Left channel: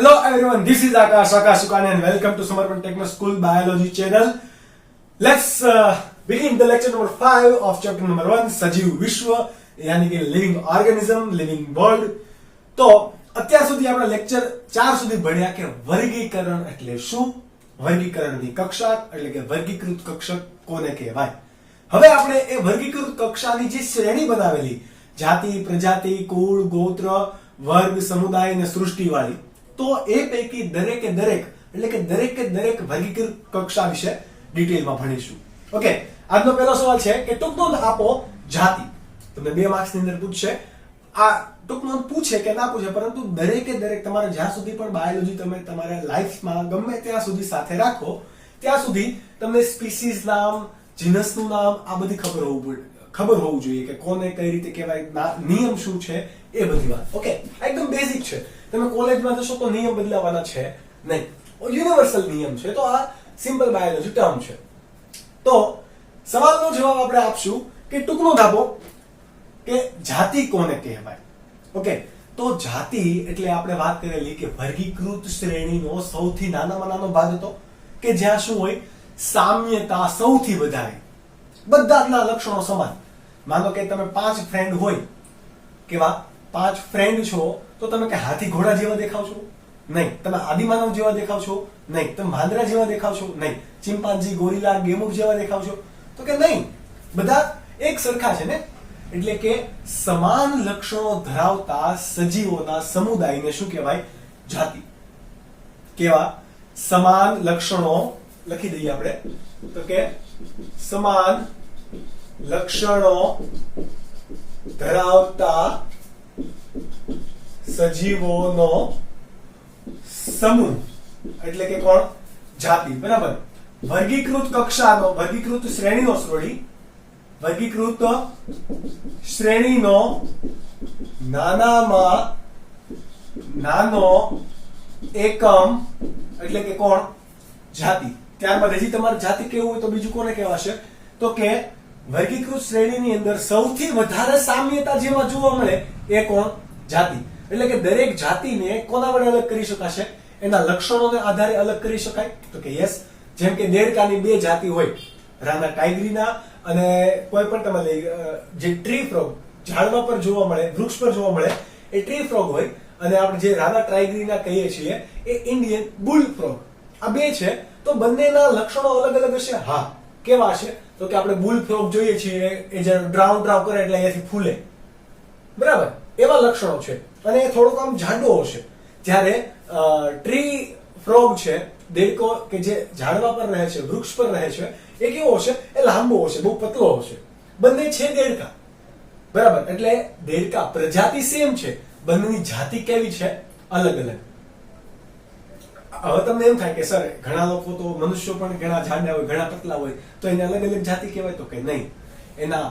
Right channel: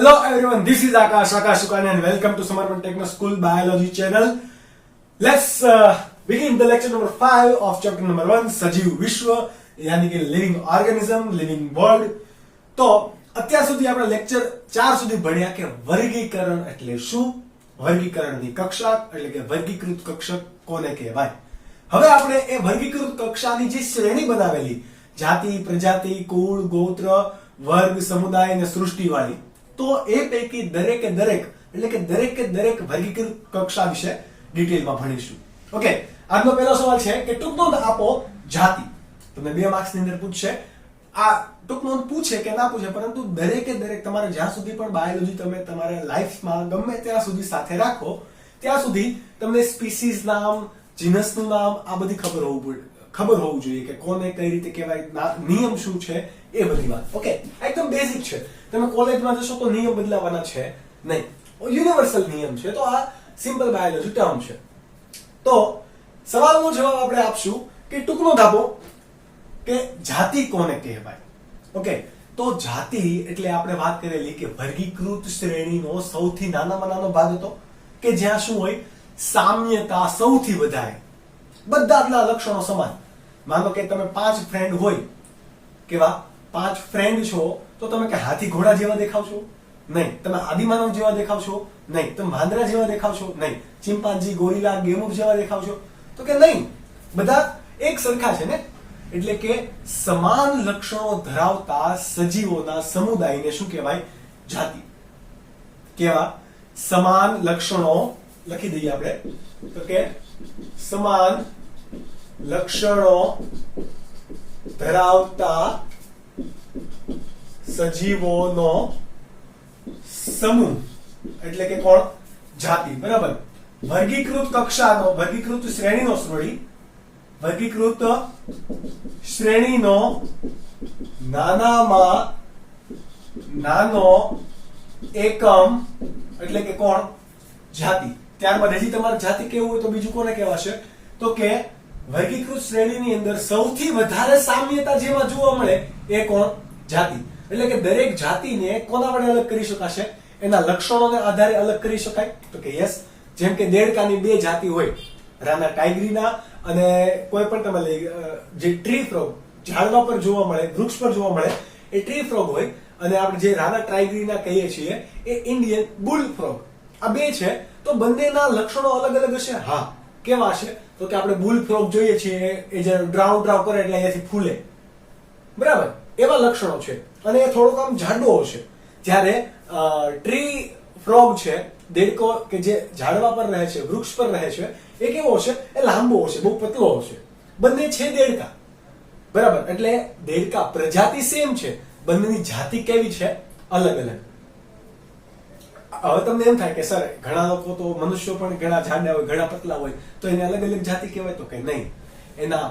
Hello everyone, this is Akash Sukani and welcome to Samarpan Techno School Biology channel. Let's begin the lecture number 5 of chapter number 1, સજીવ વિશ્વ यानी कि living organism, living world. તો અત્યાર સુધી આપણે lecture 4 સુધી ભણ્યા કે વર્ગીકરણ એટલે શું, વર્ગીકરણની કક્ષા એટલે કે વર્ગીકૃત કક્ષક કોને કહેવાય. હવે આપણે એ વર્ગીકૃત કક્ષાની જે શ્રેણી બનાવેલી જાતિ, પ્રજાતિ, કુળ, ગોત્ર, વર્ગ, સમુદાય અને સૃષ્ટિવાળી, તો એ પૈકી દરેકે દરેક એટલે કે દરેક વર્ગીકૃત કક્ષા વિશે ડિટેલમાં ભણીશું. ઓકે, આજનો પહેલો સવાલ છે કે ટૂંક નોંધ આપો જાતિ. તમને 2 માર્ક્સની અંદર પૂછશે. આ ટૂંક નોંધ પૂછે કે ના પૂછે, પરંતુ દરેકે દરેક તમારે જ્યાં સુધી પણ બાયોલોજી તમે તમારા લાઈફમાં ગમે ત્યાં સુધી સાથે રાખો ત્યાં સુધી તમને સ્પીસીઝ નામ, જીનસનું નામ આ બધી ખબર હોવું જોઈએ કે કોને કઈ રીતે કહેવાય, નિયમ શું છે એ બધી વાત. ઓકે, એકદમ બેઝિક છે. તમે કોલેજમાં જશો તો નિયમ બદલાવાના છે નહીં, યુનિવર્સલ નિયમ છે. તો આ સિમ્પલ બાયોલોજી ટર્મ છે. તો સવાલનો જવાબ આપણે આપશું કે ટૂંકનો દાબો કે જાતિ કોને કહેવાય. ઓકે, તો જાતિ એટલે આપણે વાત કરેલી કે વર્ગીકૃત શ્રેણીનો સૌથી નાનામાં નાનો ભાગ હતો કે જ્યાં શું હોય, સામ્યતા સૌથી વધારે, બધા જ લક્ષણો સમાન. માનો કે તમે 5 ફ્રેન્ડ હોય, કેવા 5 ફ્રેન્ડ છો, તો તમે કે હાથી ઘોડા જેવા દેખાવ છો? નહીં. તમે આદિમાનવ જેવા દેખાવ છો? નહીં. તમે વાંદરા જેવા દેખાવ છો? નહીં. ચિમ્પાન્જી, ગોરીલા, ગેમુર જેવા દેખાવ છો? તો કે નહીં, બધા એક સરખા છે ને. એટલે કે સમાન લક્ષણો ધરાવતા સજીવોના સમુદાયને શું કહેવાય? જાતિ. કેવા? સમાન લક્ષણો લખી દઈએ આપણે તો કે સમાન લક્ષણો ધરાવતા સજીવોનો સમૂહ એટલે કે કોણ? જાતિ. બરાબર. વર્ગીકૃત કક્ષાનો, વર્ગીકૃત શ્રેણીનો વર્ગીકૃત શ્રેણીનો નાનામાં નાનો એકમ એટલે કે કોણ? જાતિ. ત્યારબાદ હજી તમારે જાતિ કેવું હોય તો બીજું કોને કહેવાશે? તો કે વર્ગીકૃત શ્રેણીની અંદર સૌથી વધારે સામ્યતા જેમાં જોવા મળે એ કોણ? જાતિ. એટલે કે દરેક જાતિને કોના વડે અલગ કરી શકાશે? એના લક્ષણોને આધારે અલગ કરી શકાય. તો કે યસ. જેમ કે દેડકાની 2 જાતિ હોય, રાના ટાઈગ્રીના અને કોઈ પણ તમે લઈ જે ટ્રી ફ્રોગ ઝાડવા પર જોવા મળે, વૃક્ષ પર જોવા મળે એ ટ્રી ફ્રોગ હોય, અને આપણે જે રાના ટાઈગ્રીના કહીએ છીએ એ ઇન્ડિયન બુલ ફ્રોગ. આ 2 છે. તો બંનેના લક્ષણો અલગ અલગ હશે. હા, કેવા હશે? તો કે આપણે બુલ ફ્રોગ જોઈએ છીએ એ જ્યારે ડ્રાવ કરે એટલે અહીંયાથી ફૂલે, બરાબર, એવા લક્ષણો છે. અને એ થોડોક આમ જાડો હશે. જ્યારે ટ્રી ફ્રોગ છે, દેડકો કે જે ઝાડવા પર રહે છે, વૃક્ષ પર રહે છે, એ કેવો હશે? એ લાંબો હશે, બહુ પતલો હશે. બંને છે દેડકા, બરાબર. એટલે દેડકા પ્રજાતિ સેમ છે, બંનેની જાતિ કેવી છે? અલગ અલગ. હવે તમને એમ થાય કે સર ઘણા લોકો તો મનુષ્યો પણ ઘણા જાડા હોય, ઘણા પતલા હોય, તો એને અલગ અલગ જાતિ કહેવાય? તો કે નહીં. એના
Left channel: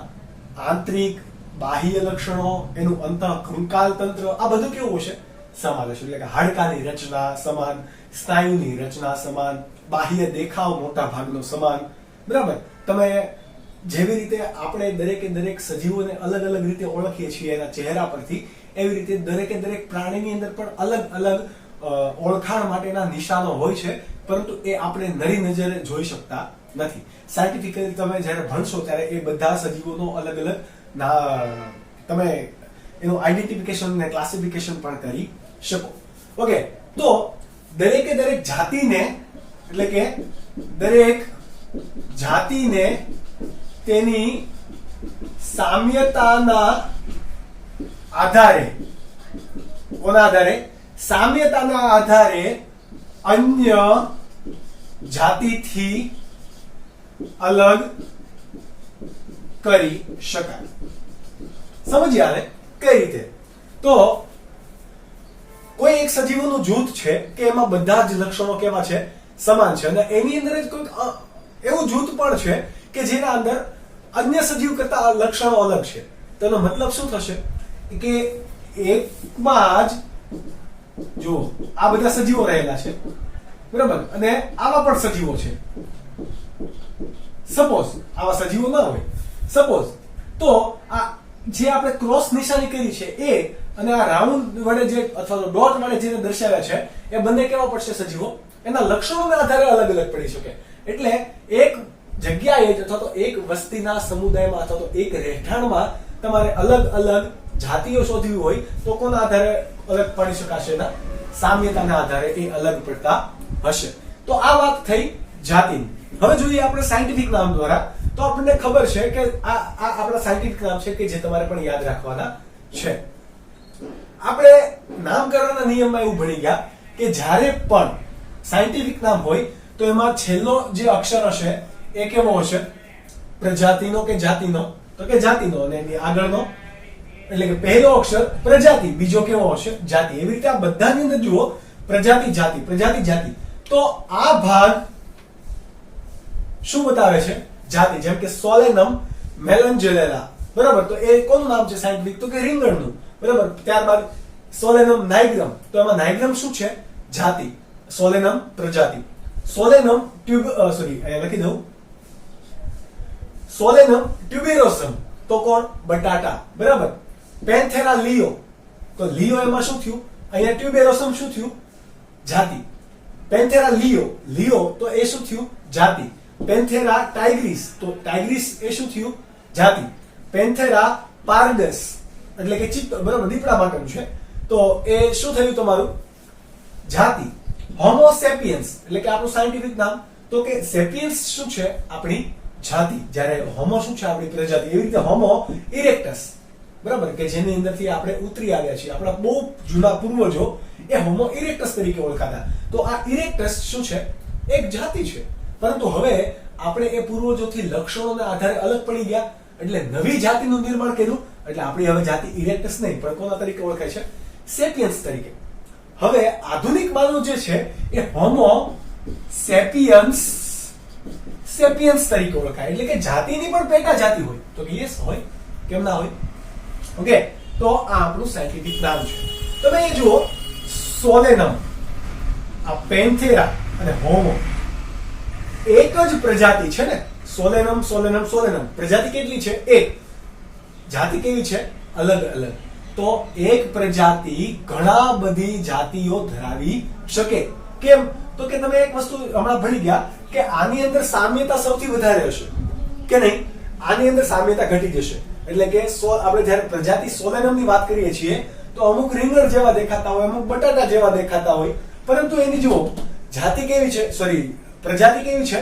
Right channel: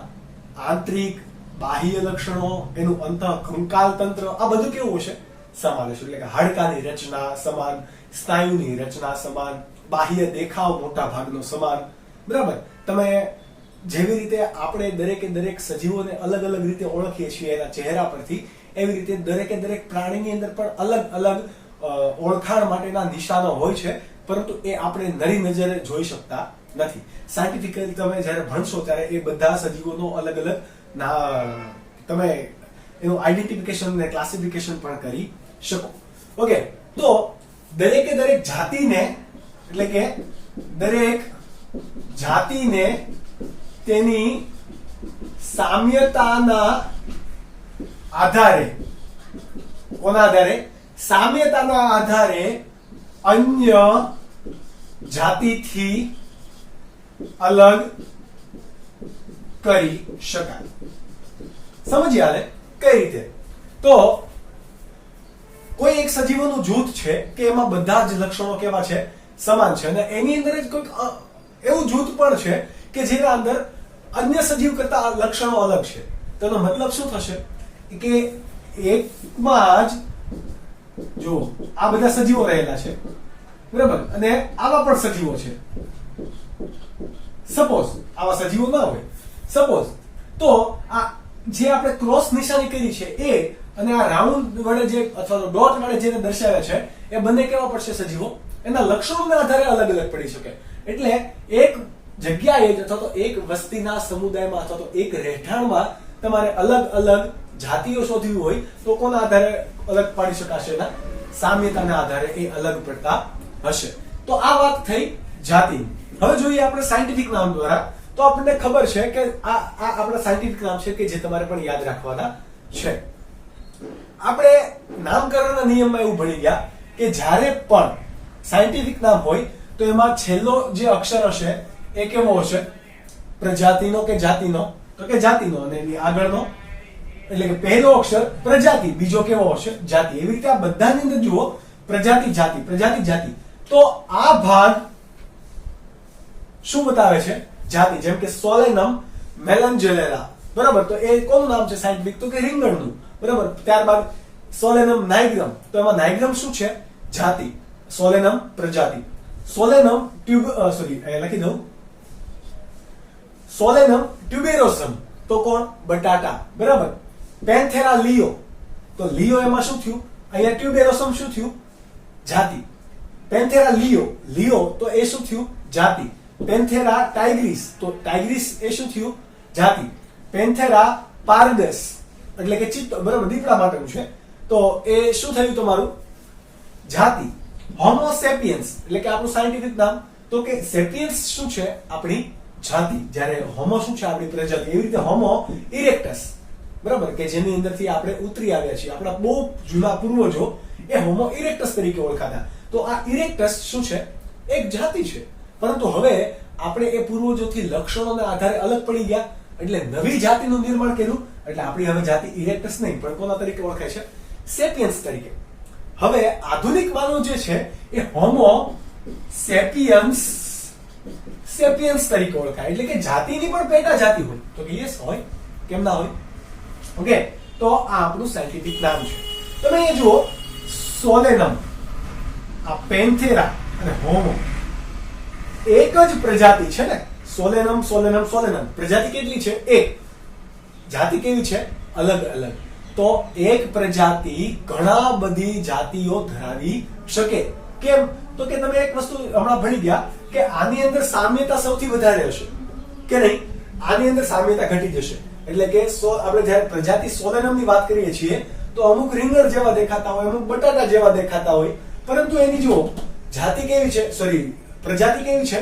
આંતરિક બાહ્ય લક્ષણો, એનું અંતઃકંકાલ તંત્ર આ બધું કેવું હશે? સમાન હશે. એટલે કે હાડકાની રચના સમાન, સ્નાયુની રચના સમાન, બાહ્ય દેખાવ મોટા ભાગનો સમાન, બરાબર. તમે જેવી રીતે આપણે દરેક સજીવોને અલગ અલગ રીતે ઓળખીએ છીએ એના ચહેરા પરથી, એવી રીતે દરેક પ્રાણીની અંદર પણ અલગ અલગ ઓળખાણ માટેના નિશાનો હોય છે, પરંતુ એ આપણે નરી નજરે જોઈ શકતા નથી. સાયન્ટિફિકલી તમે જ્યારે ભણશો ત્યારે એ બધા સજીવોનો અલગ અલગ તમે એનું આઈડેન્ટિફિકેશન ને ક્લાસિફિકેશન પણ કરી શકો. ઓકે, તો દરેક જાતિને એટલે કે દરેક જાતિને તેની સામ્યતાના આધારે, કોના આધારે? સામ્યતાના આધારે અન્ય જાતિથી અલગ કરી શકાય. સમજીએ આને કઈ રીતે? તો કોઈ એક સજીવોનું જૂથ છે કે એમાં બધા જ લક્ષણો કેવા છે? સમાન છે. અને એની અંદર જ કોઈક એવું જૂથ પણ છે કે જેના અંદર અન્ય સજીવ કરતા લક્ષણો અલગ છે. તેનો મતલબ શું થશે કે એકમાં જ જો આ બધા સજીવો રહેલા છે, બરાબર, અને આવા પણ સજીવો છે. સપોઝ આવા સજીવો ના હોય, સપોઝ, તો આ જે આપણે ક્રોસ નિશાની કરી છે એ અને આ રાઉન્ડ વડે જે અથવા તો ડોટ વડે જેને દર્શાવે છે એ બંને કેવા પડશે સજીવો? એના લક્ષણોના આધારે અલગ અલગ પડી શકે. એટલે એક જગ્યાએ જ અથવા તો એક વસ્તીના સમુદાયમાં અથવા તો એક રહેઠાણમાં તમારે અલગ અલગ જાતિઓ શોધવી હોય તો કોના આધારે અલગ પાડી શકાશે? એના સામ્યતાના આધારે એ અલગ પડતા હશે. તો આ વાત થઈ જાતિની. હવે જોઈએ આપણે સાયન્ટિફિક નામ દ્વારા. તો આપણને ખબર છે કે આ આપણા સાયન્ટિફિક નામ છે કે જે તમારે પણ યાદ રાખવાના છે. આપણે નામકરણના નિયમમાં એવું ભણી ગયા કે જ્યારે પણ સાયન્ટિફિક નામ હોય તો એમાં છેલ્લો જે અક્ષર હશે એ કેવો હશે? પ્રજાતિનો કે જાતિનો? તો કે જાતિનો. અને એની આગળનો એટલે કે પહેલો અક્ષર પ્રજાતિ, બીજો કેવો હશે? જાતિ. એવી રીતે આ બધાની અંદર જુઓ પ્રજાતિ જાતિ, પ્રજાતિ જાતિ. તો આ ભાગ શું બતાવે છે? જાતિ. જેમ કે સોલેનમ મેલન્જેલેરા, બરાબર? તો એ કોનું નામ છે સાયન્ટિફિક? તો કે રીંગણનું, બરાબર? ત્યારબાદ સોલેનમ નાઇગ્રમ, તો એમાં નાઇગ્રમ શું છે? જાતિ. સોલેનમ પ્રજાતિ. સોલેનમ લખી દઉં સોલેનમ ટ્યુબેરોસમ, તો કોણ? બટાટા, બરાબર? પેન્થેરા લિયો, તો લિયો એમાં શું થયું? અહીંયા ટ્યુબેરોસમ શું થયું? જાતિ. પેન્થેરા લિયો તો એ શું થયું? જાતિ. પેન્થેરા ટાઇગ્રીસ, તો ટાઇગ્રીસ એ શું થયું? જાતિ. પેન્થેરા પારડસ એટલે કે ચિત્તો, બરાબર? દીપડા માટેનું છે, તો એ શું થયું તમારું? જાતિ. હોમો સેપિયન્સ એટલે કે આપણું સાયન્ટિફિક નામ, તો કે સેપિયન્સ શું છે? આપણી જાતિ. જ્યારે હોમો શું છે? આપણી પ્રજાતિ. એવી રીતે હોમો ઇરેક્ટસ, બરાબર? કે જેની અંદરથી આપણે ઉતરી આવ્યા છીએ, આપણા બહુ જૂના પૂર્વજો એ હોમો ઇરેક્ટસ તરીકે ઓળખાતા. તો આ ઇરેક્ટસ શું છે? એક જાતિ છે. પરંતુ હવે આપણે એ પૂર્વજોથી લક્ષણોના આધારે અલગ પડી ગયા એટલે નવી જાતિનું નિર્માણ કર્યું. એટલે આપણી હવે જાતિ ઇરેક્ટસ નહીં પણ કોના તરીકે ઓળખાય છે? સેપિયન્સ તરીકે. હવે આધુનિક માનવ જે છે એ હોમો સેપિયન્સ તરીકે ઓળખાય. એટલે કે જાતિની પણ પેટા જાતિ હોય. તો કે યસ હોય, કેમ ના હોય? ઓકે, તો આ આપણું સાયન્ટિફિક નામ છે. તમે એ જુઓ સોલેનમ, આ પેન્થેરા અને હોમો એક જ પ્રજાતિ છે ને? સોલેનમ સોલેનમ સોલેનમ. પ્રજાતિ કેટલી છે? એક. જાતિ કેવી છે? અલગ અલગ. તો એક પ્રજાતિ ઘણા બધી જાતિઓ ધરાવી શકે. કેમ? તો કે તમે એક વસ્તુ હમણાં ભણી ગયા કે આની અંદર સામ્યતા સૌથી વધારે હશે કે નહીં? આની અંદર સામ્યતા ઘટી જશે. એટલે કે આપણે જયારે પ્રજાતિ સોલેનમની વાત કરીએ છીએ તો અમુક રીંગણ જેવા દેખાતા હોય, અમુક બટાટા જેવા દેખાતા હોય, પરંતુ એની જુઓ જાતિ કેવી છે? પ્રજાતિ કેવી છે?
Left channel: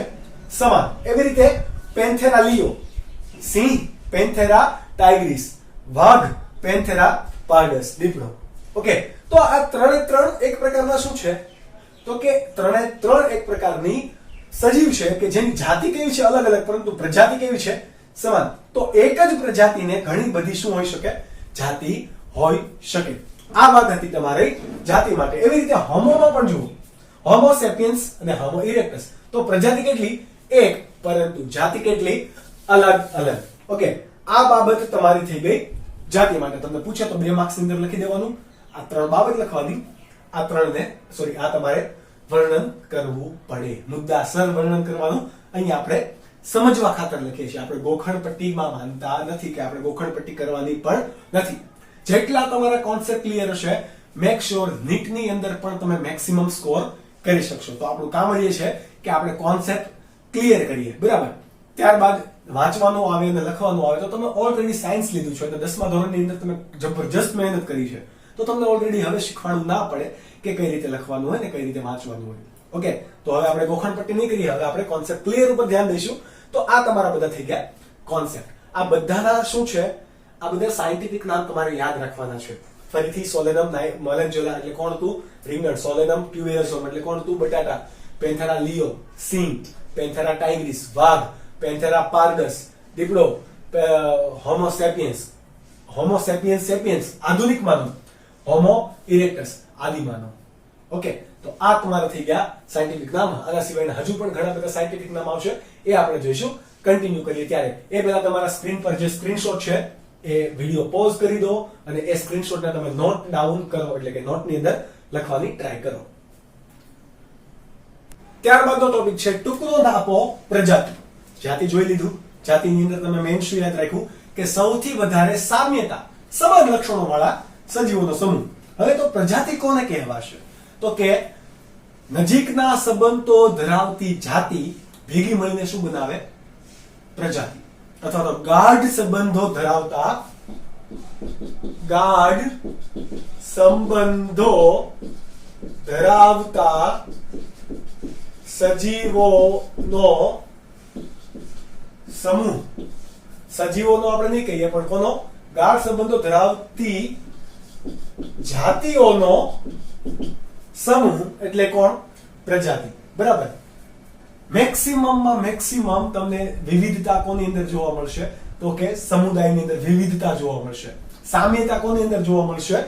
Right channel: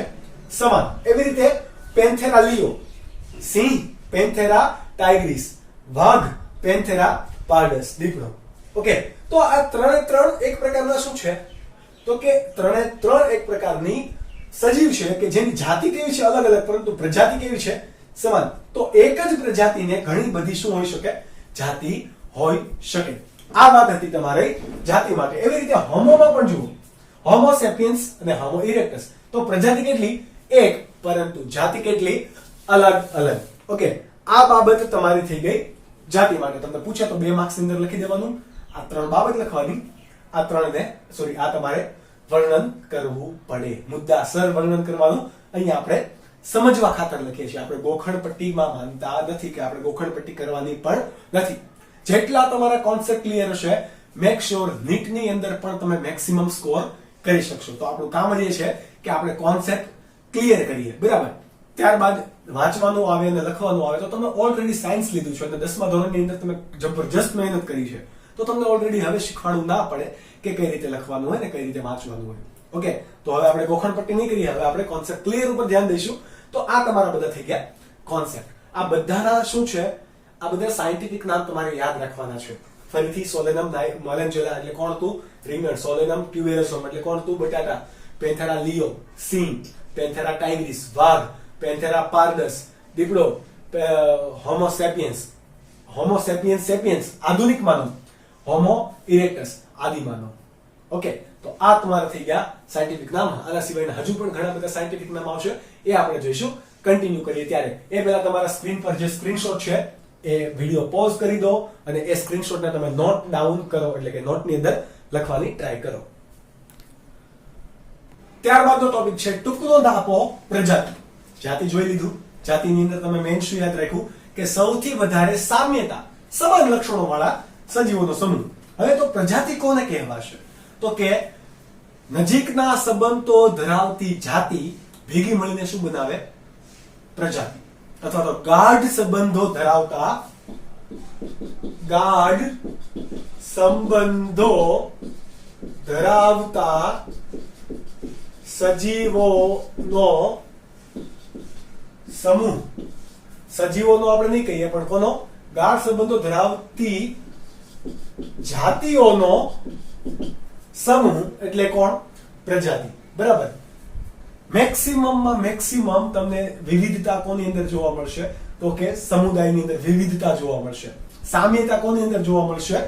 સમાન. એવી રીતે પેન્થેરા લિયો સિંહ, પેન્થેરા ટાઇગ્રીસ વાઘ, પેન્થેરા પારડસ દીપડો. ઓકે, તો આ ત્રણે ત્રણ એક પ્રકારના શું છે? તો કે ત્રણે ત્રણ એક પ્રકારની સજીવ છે કે જેની જાતિ કેવી છે? અલગ અલગ, પરંતુ પ્રજાતિ કેવી છે? સમાન. તો એક જ પ્રજાતિને ઘણી બધી શું હોઈ શકે? જાતિ હોઈ શકે. આ વાત હતી તમારી જાતિ માટે. એવી રીતે હોમોમાં પણ જુઓ, હોમો સેપિયન્સ અને હોમો ઇરેક્ટસ. તો પ્રજાતિ કેટલી? એક, પરંતુ જાતિ કેટલી? અલગ અલગ. ઓકે, આ બાબત તમારી થઈ ગઈ જાતિ માટે. તમને પૂછે તો 2 માર્ક્સ ની અંદર લખી દેવાનું. આ 3 બાબત લખવાની. આ તમારે વર્ણન કરવું પડે. મુદ્દાસર વર્ણન કરવાનું. અહીંયા આપણે સમજવા ખાતર લખીએ છીએ. આપણે ગોખણ પટ્ટીમાં માનતા નથી કે આપણે ગોખણ પટ્ટી કરવાની પણ નથી. જેટલા તમારા કોન્સેપ્ટ ક્લિયર હશે, મેક શ્યોર નીટની અંદર પણ તમે મેક્સિમમ સ્કોર કરી શકશો. તો આપણું કામ એ છે કે આપણે કોન્સેપ્ટ ક્લિયર કરીએ, બરાબર? ત્યારબાદ વાંચવાનું આવે અને લખવાનું આવે. તો તમે ઓલરેડી સાયન્સ લીધું છે અને 10મા ધોરણની અંદર તમે જબરજસ્ત મહેનત કરી છે, તો તમને ઓલરેડી હવે શીખવાડવું ના પડે કે કઈ રીતે લખવાનું હોય ને કઈ રીતે વાંચવાનું હોય. ઓકે, તો હવે આપણે ગોખણ પટ્ટી નહીં કરીએ, હવે આપણે કોન્સેપ્ટ ક્લિયર ઉપર ધ્યાન દઈશું. તો આ તમારા બધા થઈ ગયા કોન્સેપ્ટ. આ બધાના શું છે? આ બધા સાયન્ટિફિક નામ તમારે યાદ રાખવાના છે. ફરીથી સોલેનમ મેલન્જેલા એટલે કોણ હતું? રીંગણ. સોલેનમ ટ્યુબેરોસમ એટલે કોણ હતું? બટાટા. પેન્થેરા લિયો સિંહ. પેન્થેરા ટાઇગ્રીસ વાઘ. પેન્થેરા પારડસ દીપડો. હોમો સેપિયન્સ આધુનિક માનવ. હોમો ઇરેક્ટસ આદિ માનવ. ઓકે, તો આ તમારા થઈ ગયા સાયન્ટિફિક નામ. આના સિવાયના હજુ પણ ઘણા બધા સાયન્ટિફિક નામ આવશે, એ આપણે જોઈશું. કન્ટિન્યુ કરીએ ત્યારે એ પહેલા તમારા સ્ક્રીન પર જે સ્ક્રીનશોટ છે એ વિડિયો પોઝ કરી દો અને એ સ્ક્રીનશોટને તમે નોટ ડાઉન કરો, એટલે કે નોટની અંદર લખવાની ટ્રાય કરો. ત્યારબાદનો ટોપિક છે ટુકડો આપો પ્રજાતિ. જાતિ જોઈ લીધું. જાતિની અંદર તમે મેઇન શું યાદ રાખ્યું કે સૌથી વધારે સામ્યતા, સમાન લક્ષણો વાળા સજીવોનો સમૂહ. હવે તો પ્રજાતિ કોને કહેવાશે? તો કે નજીકના સંબંધો ધરાવતી જાતિ ભેગી મળીને શું બનાવે? પ્રજાતિ. અથવા તો ગાઢ સંબંધો ધરાવતા સજીવોનો સમૂહ. સજીવોનો આપણે નહીં કહીએ, પણ કોનો? ગાઢ સંબંધો ધરાવતી જાતિઓનો સમૂહ એટલે કોણ? પ્રજાતિ. બરાબર. મેક્સિમમમાં મેક્સિમમ તમને વિવિધતા કોની અંદર જોવા મળશે? તો કે સમુદાયની અંદર વિવિધતા જોવા મળશે. સામ્યતા કોની અંદર જોવા મળશે?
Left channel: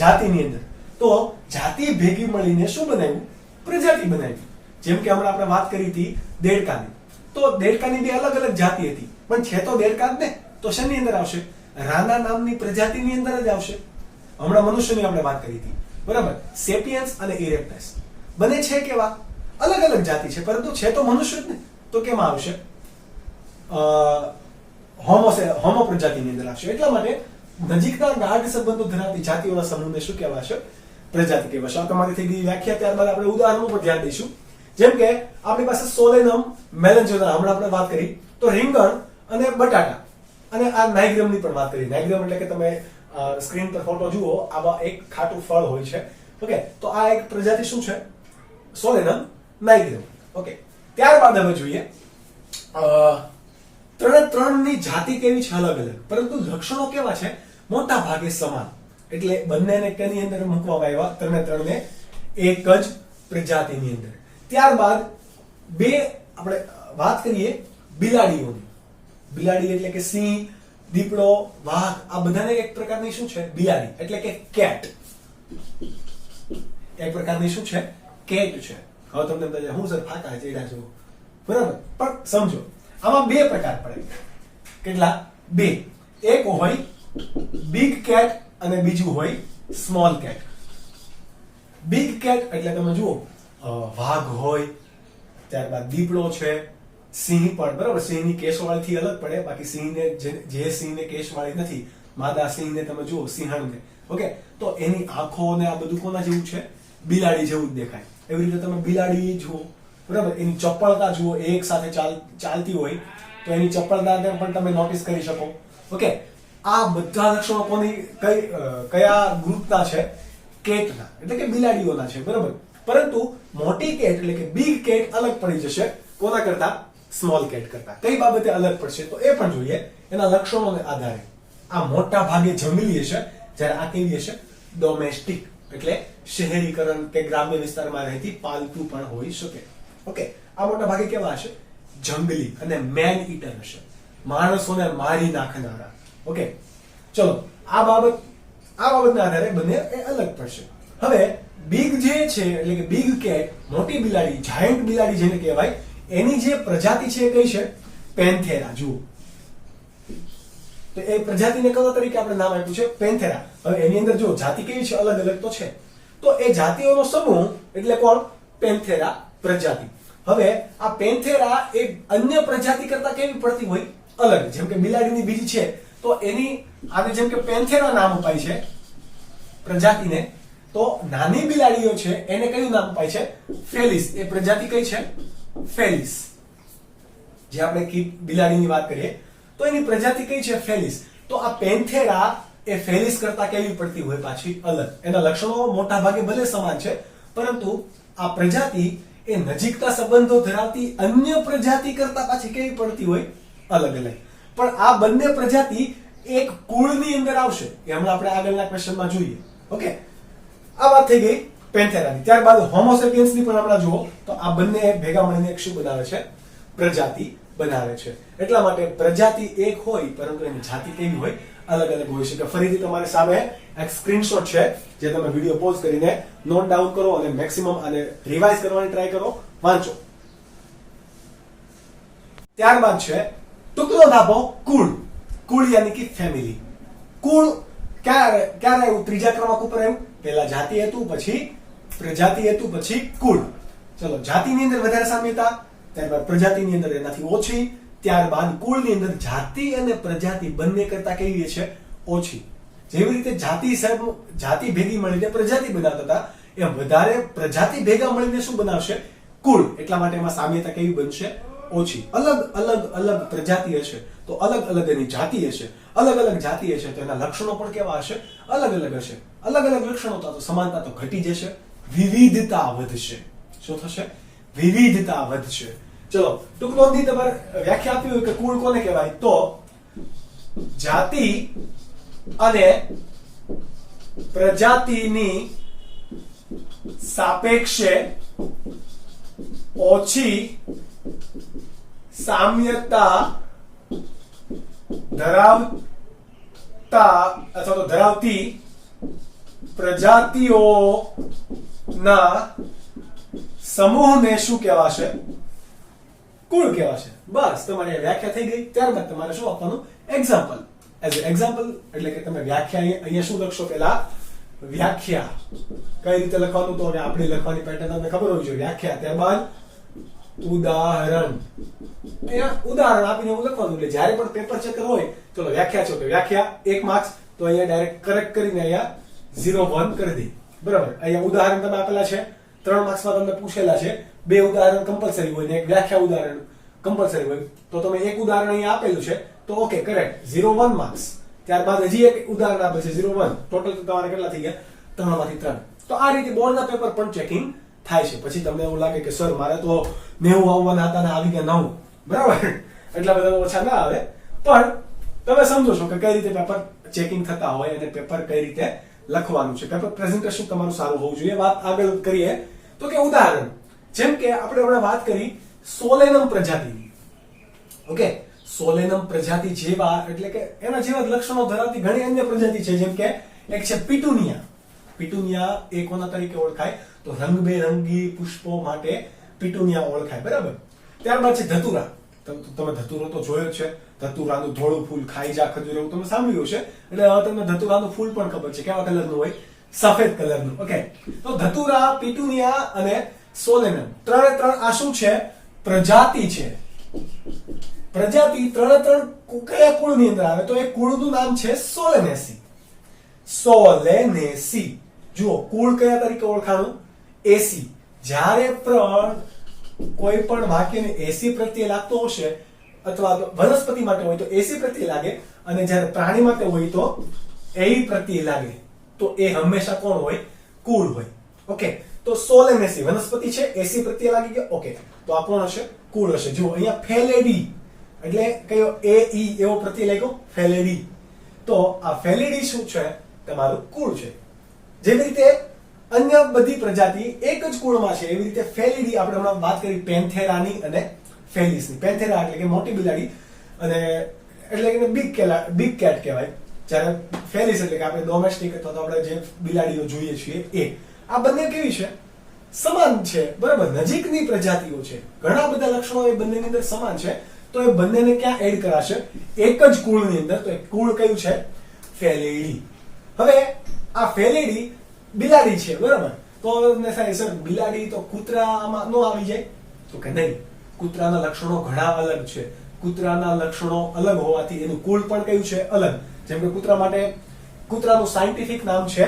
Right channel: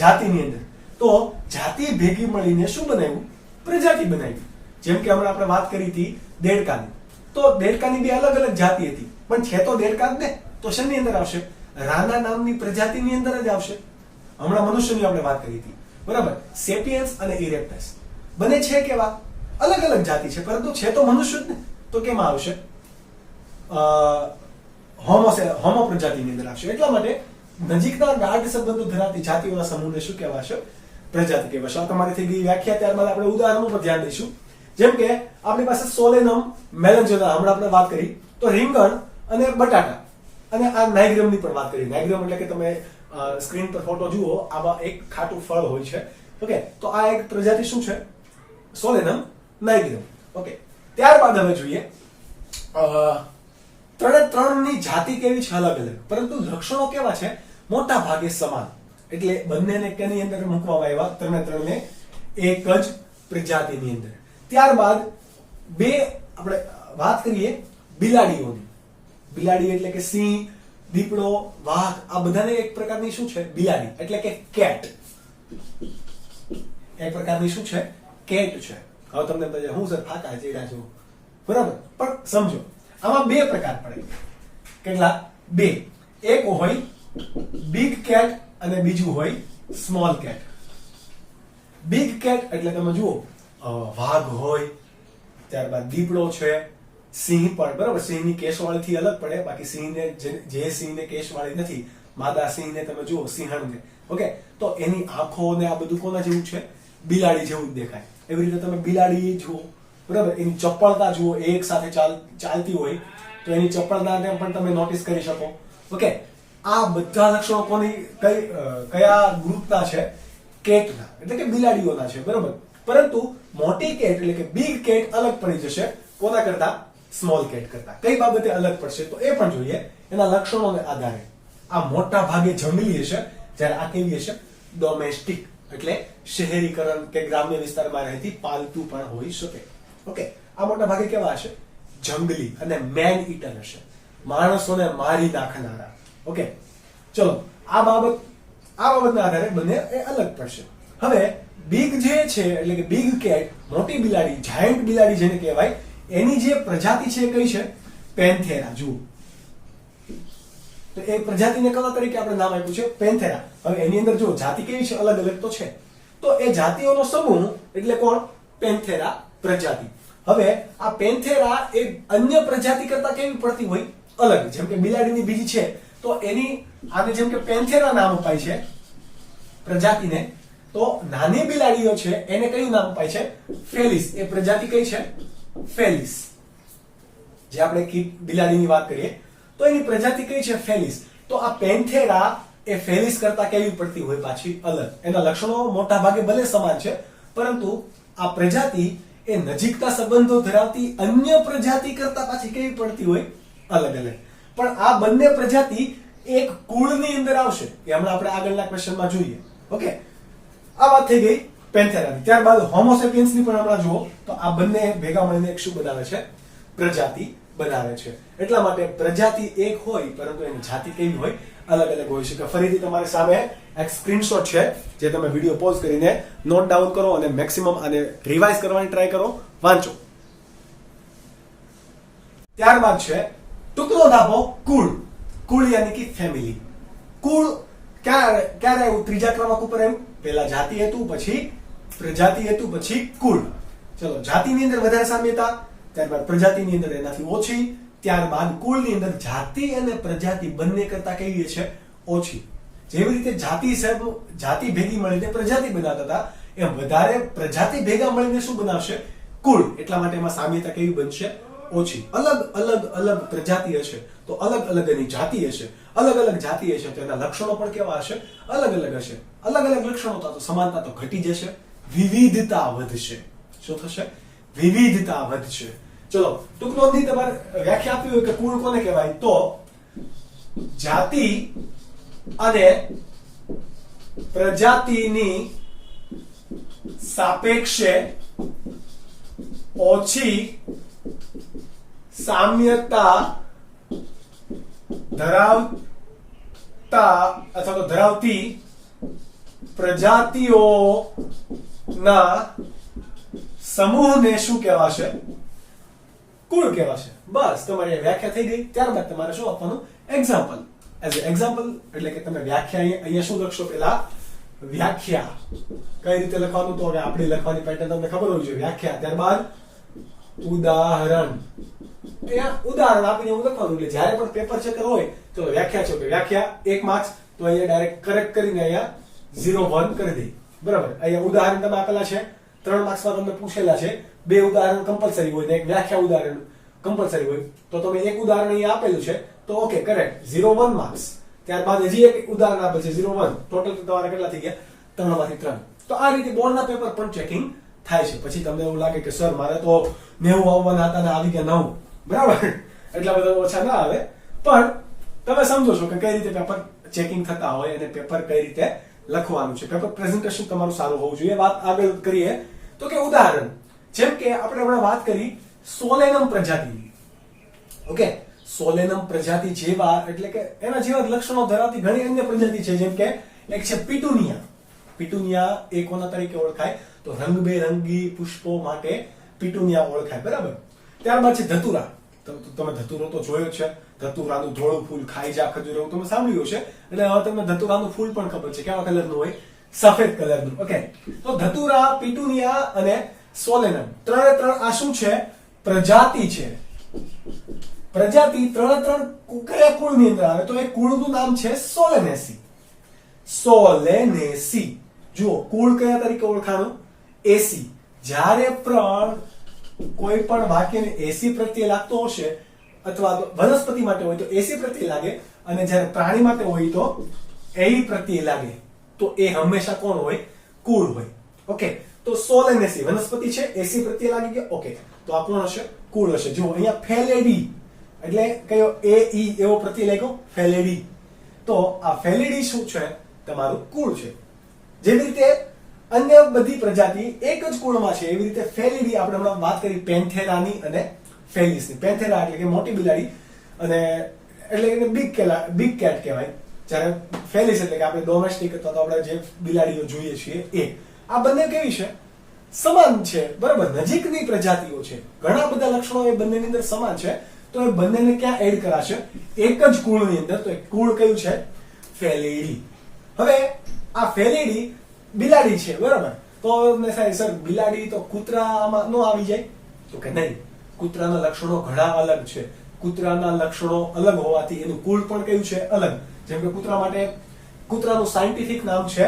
જાતિની અંદર. તો જાતિ ભેગી મળીને શું બનાવ્યું? પ્રજાતિ બનાવી. જેમ કે હમણાં આપણે વાત કરી હતી દેડકાની. તો દેડકાની બે અલગ અલગ જાતિ હતી, પણ છે તો દેડકા જ ને. તો શેની અંદર આવશે? રાના નામની પ્રજાતિની અંદર જ આવશે. હમણાં મનુષ્યની આપણે વાત કરી હતી, બરાબર. સેપિયન્સ અને ઇરેક્ટસ બને છે કેવા? અલગ અલગ જાતિ છે, પરંતુ છે તો મનુષ્ય જ ને. તો કેમાં આવશે? હોમો પ્રજાતિની અંદર આવશે. એટલા માટે નજીકના ગાઢ સંબંધો ધરાવતી જાતિઓના સમૂહને શું કહેવાશે? પ્રજાતિ કહેવાશે. આ તમારી થઈ ગઈ વ્યાખ્યા. ત્યારબાદ આપણે ઉદાહરણ ઉપર ધ્યાન દઈશું. જેમ કે આપણી પાસે સોલેનમ મેલેન્જોના હમણાં આપણે વાત કરી, તો રીંગણ અને બટાટા અને આ નાઇગ્રમની પણ વાત કરી. નાઇગ્રમ એટલે કે તમે સ્ક્રીન પર ફોટો જુઓ, આવા એક ખાટું ફળ હોય છે. ઓકે, તો આ એક પ્રજાતિ શું છે? સોલેનમ નાઇગ્રમ. ઓકે, ત્યારબાદ હવે જોઈએ ત્રણની જાતિ કેવી છે? અલગ અલગ, પરંતુ લક્ષણો કેવા છે? મોટા ભાગે સમાન. એટલે બંનેને કેની અંદર મૂકવામાં આવ્યા? ત્રણે એક જ પ્રજાતિની અંદર. ત્યારબાદ બે આપણે વાત કરીએ બિલાડીઓની. બિલાડી એટલે કે સિંહ, દીપડો, વાઘ, આ બધાને એક પ્રકારની શું છે? બિલાડી એટલે કે કેટ. એક પ્રકારની શું છે? કેટ છે. હવે તમને હું સર ફાકા ચડ્યા છું, બરાબર. પણ સમજો, આમાં બે પ્રકાર પડે. કેટલા? બે. એક હોય બિગ કેટ અને બીજું હોય સ્મોલ કેટ. બિગ કેટ એટલે તમે જુઓ વાઘ હોય, ત્યારબાદ દીપડો છે, સિંહ પણ, બરાબર. સિંહની કેશવાળી થી અલગ પડે. બાકી સિંહને જે સિંહને કેશવાળી નથી, માદા સિંહને તમે જુઓ, સિંહણને, ઓકે, તો એની આંખો ને આ બધું કોના જેવું છે? બિલાડી જેવું જ દેખાય. એવી રીતે તમે બિલાડી જુઓ, બરાબર. એની ચપળતા જુઓ, એક સાથે ચાલતી હોય તો એની ચપળતાને પણ તમે નોટિસ કરી શકો. ઓકે, આ બધા લક્ષણો કોની કયા ગ્રુપના છે? કેટના, એટલે કે બિલાડીઓના છે, બરાબર. પરંતુ મોટી કેટ એટલે કે બિગ કેટ અલગ પડી જશે કોના કરતા? સ્મોલ કેટ કરતા. કઈ બાબતે અલગ પડશે તો એ પણ જોઈએ એના લક્ષણોને આધારે. આ મોટા ભાગે જંગલી હશે, જ્યારે આ કેવી હશે? ડોમેસ્ટિક એટલે શહેરીકરણ કે ગ્રામ્ય વિસ્તારમાં રહેતી પાલતુ પણ હોઈ શકે. ઓકે, આ મોટા ભાગે કેવા હશે? જંગલી અને મેન ઈટર હશે, માણસોને મારી નાખનારા. ઓકે, ચલો આ બાબતના આધારે બંને એ અલગ પડશે. હવે બિગ જે છે એટલે કે બિગ કેટ, મોટી બિલાડી, જાયન્ટ બિલાડી જેને કહેવાય, એની જે પ્રજાતિ છે કઈ છે? પેન્થેરા. જુઓ, તો એ પ્રજાતિને કયા તરીકે આપણે નામ આપ્યું છે? પેન્થેરા. હવે એની અંદર જો જાતિ કેવી છે? અલગ અલગ તો છે. તો એ જાતિઓનો સમૂહ એટલે કોણ? પેન્થેરા પ્રજાતિ. હવે આ પેન્થેરા એ અન્ય પ્રજાતિ કરતા કેવી પડતી હોય? અલગ. જેમ કે બિલાડીની બીજી છે, તો એની આને જેમ કે પેન્થેરા નામ અપાય છે પ્રજાતિને, તો નાની બિલાડીઓ છે એને કયું નામ અપાય છે? ફેલિસ. એ પ્રજાતિ કઈ છે? ફેલિસ. જે આપણે બિલાડીની વાત કરીએ તો એની પ્રજાતિ કઈ છે? ફેલિસ. તો આ પેન્થેરા એ ફેલિસ કરતા કેવી પડતી હોય? પાછી અલગ. એના લક્ષણો મોટા ભાગે ભલે સમાન છે, પરંતુ આ પ્રજાતિ એ નજીકના સંબંધો ધરાવતી અન્ય પ્રજાતિ કરતા પાછી કેવી પડતી હોય? અલગ અલગ. પણ આ બંને પ્રજાતિ એક કુળની અંદર આવશે, એ હમણાં આપણે આગળના ક્વેશ્ચનમાં જોઈએ. ઓકે, આ વાત થઈ ગઈ પેન્થેરાની. ત્યારબાદ હોમોસેપિયન્સની પણ આપણે જુઓ, તો આ બંને ભેગા મળીને એક શું બનાવે છે? પ્રજાતિ બનાવે છે. એટલા માટે પ્રજાતિ એક હોય, પરંતુ એની જાતિ કેવી હોય? અલગ અલગ હોય છે. તો ફરીથી તમારી સામે એક સ્ક્રીનશોટ છે, જે તમે વિડીયો પોઝ કરીને નોટ ડાઉન કરો અને મેક્સિમમ આને રિવાઇઝ કરવાની ટ્રાય કરો, વાંચો. ત્યારબાદ છે ટુકડો ધાપો કુળ. કુળ યાની કે ફેમિલી. કુળ ક્યારે આવ્યું? ત્રીજા ક્રમાંક ઉપર આવ્યું. પહેલા જાતિ હતું, પછી પ્રજાતિ હતું, પછી કુળ. ચલો, જાતિની અંદર વધારે સામ્યતા, ત્યારબાદ પ્રજાતિની અંદર એનાથી ઓછી, ત્યારબાદ કુળની અંદર જાતિ અને પ્રજાતિ બંને કરતા કેવી છે? ઓછી. જેવી રીતે જાતિ ભેગી મળીને પ્રજાતિ બનાવતા હતા, એમ વધારે પ્રજાતિ ભેગા મળીને શું બનાવશે? કુળ. એટલા માટે એમાં સામ્યતા કેવી બનશે? ઓછી. અલગ પ્રજાતિ હશે તો અલગ અલગ એની જાતિ હશે, અલગ અલગ જાતિ હશે તો એના લક્ષણો પણ કેવા હશે? અલગ અલગ હશે. અલગ અલગ લક્ષણો તો સમાનતા તો ઘટી જશે, વિવિધતા વધશે. શું થશે? વિવિધતા વધશે. ચલો ટૂંકનોંધની તમારે વ્યાખ્યા આપી હોય કે કુળ કોને કહેવાય, તો જાતિ અને પ્રજાતિની સાપેક્ષે ઓછી સામ્યતા ધરાવતા અથવા તો ધરાવતી પ્રજાતિઓના સમૂહને શું કહેવાશે? કુળ કહેવાશે. બસ તમારી વ્યાખ્યા થઈ ગઈ. ત્યારબાદ તમારે શું આપવાનું? એક્ઝામ્પલ. એઝ એક્ઝામ્પલ એટલે કે તમે વ્યાખ્યા અહીંયા શું લખશો? પેલા વ્યાખ્યા કઈ રીતે લખવાનું, તો હવે આપણી લખવાની પેટર્ન તમને ખબર હોવી જોઈએ. વ્યાખ્યા, ત્યારબાદ ઉદાહરણ. અહીંયા ઉદાહરણ આપીને એવું લખવાનું. એટલે જ્યારે પણ પેપર ચેકર હોય, ચલો વ્યાખ્યા છે, વ્યાખ્યા 1 માર્ક્સ, તો અહીંયા ડાયરેક્ટ કરેક્ટ કરીને અહીંયા 0 1 કરી દે. બરાબર. અહીંયા ઉદાહરણ તમે આપેલા છે, 3 માર્ક્સમાં તમને પૂછેલા છે. 2 ઉદાહરણ કમ્પલસરી હોય ને એક વ્યાખ્યા ઉદાહરણ કમ્પલસરી હોય, તો તમે એક ઉદાહરણ અહીંયા આપેલું છે તો ઓકે કરેક્ટ, 0 1 માર્ક્સ. ત્યારબાદ હજી એક ઉદાહરણ આપે છે 0 1, ટોટલ તો તમારે કેટલા થઈ ગયા? 3 માંથી 3. તો આ રીતે બોર્ડના પેપર પણ ચેકિંગ થાય છે. પછી તમને એવું લાગે કે સર મારે તો 90 આવવાના હતા ને આવી ગયા 9, બરાબર, એટલા બધા ઓછા ના આવે, પણ તમે સમજો છો કે કઈ રીતે પેપર ચેકિંગ થતા હોય અને પેપર કઈ રીતે લખવાનું છે. પેપર પ્રેઝન્ટેશન તમારું સારું હોવું જોઈએ. વાત આગળ કરીએ તો કે ઉદાહરણ, જેમ કે આપણે હમણાં વાત કરી સોલેનમ પ્રજાતિની. ઓકે, સોલેનમ પ્રજાતિ જેવા એટલે કે એના જેવા લક્ષણો ધરાવતી ઘણી અન્ય પ્રજાતિ છે. જેમ કે એક છે પિટુનિયા. પિટુનિયા એ કોના તરીકે ઓળખાય? તો રંગબેરંગી પુષ્પો માટે પિટુનિયા ઓળખાય. બરાબર. ત્યારબાદ છે ધતુરા. તમે ધતુરો તો જોયો જ છે. ધતુરાનું ધોળું ફૂલ ખાઈ જા ખજૂર, તમે સાંભળ્યું છે. એટલે હવે તમને ધતુરાનું ફૂલ પણ ખબર છે કેવા કલરનું હોય? સફેદ કલરનું. ઓકે, તો ધતુરા, પિટુનિયા અને સોલેનમ ત્રણે આ શું છે? પ્રજાતિ છે. પ્રજાતિ ત્રણ કયા કુળની અંદર આવે? તો એ કુળનું નામ છે સોલેનેસી. સોલેનેસી. જુઓ, કુળ કયા તરીકે ઓળખાણું? એસી. જ્યારે પણ કોઈ પણ વાક્યને એસી પ્રત્યે લાગતો હશે, અથવા વનસ્પતિ માટે હોય તો એસી પ્રત્યે લાગે, અને જ્યારે પ્રાણી માટે હોય તો એઈ પ્રત્યે લાગે, તો એ હંમેશા કોણ હોય? કુળ હોય. ઓકે, તો સોલેનેસી વનસ્પતિ છે, એસી પ્રત્યે લાગી ગયો. ઓકે, તો આ કોણ હશે? કુળ હશે. જુઓ અહીંયા ફેલેડી એટલે કયો? એ ઈ એવો પ્રત્યય લાગ્યો, ફેલેડી. તો આ ફેલેડી શું છે? તમારું કુળ છે. જેવી રીતે અન્ય બધી પ્રજાતિ એક જ કુળમાં છે, એવી રીતે ફેલિડી આપણે હમણાં વાત કરી પેન્થેરાની અને ફેલિસની. પેન્થેરા એટલે કે મોટી બિલાડી, અને એટલે કે બિગ કેટ કહેવાય. જ્યારે ફેલિસ એટલે કે આપણે ડોમેસ્ટિક અથવા તો આપણે જે બિલાડીઓ જોઈએ છીએ એ. આ બંને કેવી છે? સમાન છે. બરાબર, નજીકની પ્રજાતિઓ છે. ઘણા બધા લક્ષણો એ બંનેની અંદર સમાન છે. તો એ બંનેને ક્યાં એડ કરાશે? એક જ કુળની અંદર. તો એ કુળ કયું છે? ફેલિડી. હવે આ ફેલિડી બિલાડી છે, બરાબર. તો સર બિલાડી તો કૂતરામાં નો આવી જાય? તો કે નહીં, કૂતરાના લક્ષણો ઘણા અલગ છે. કૂતરાના લક્ષણો અલગ હોવાથી એનું કુળ પણ કયું છે? અલગ. જેમ કે કૂતરા માટે કૂતરાનું સાયન્ટિફિક નામ છે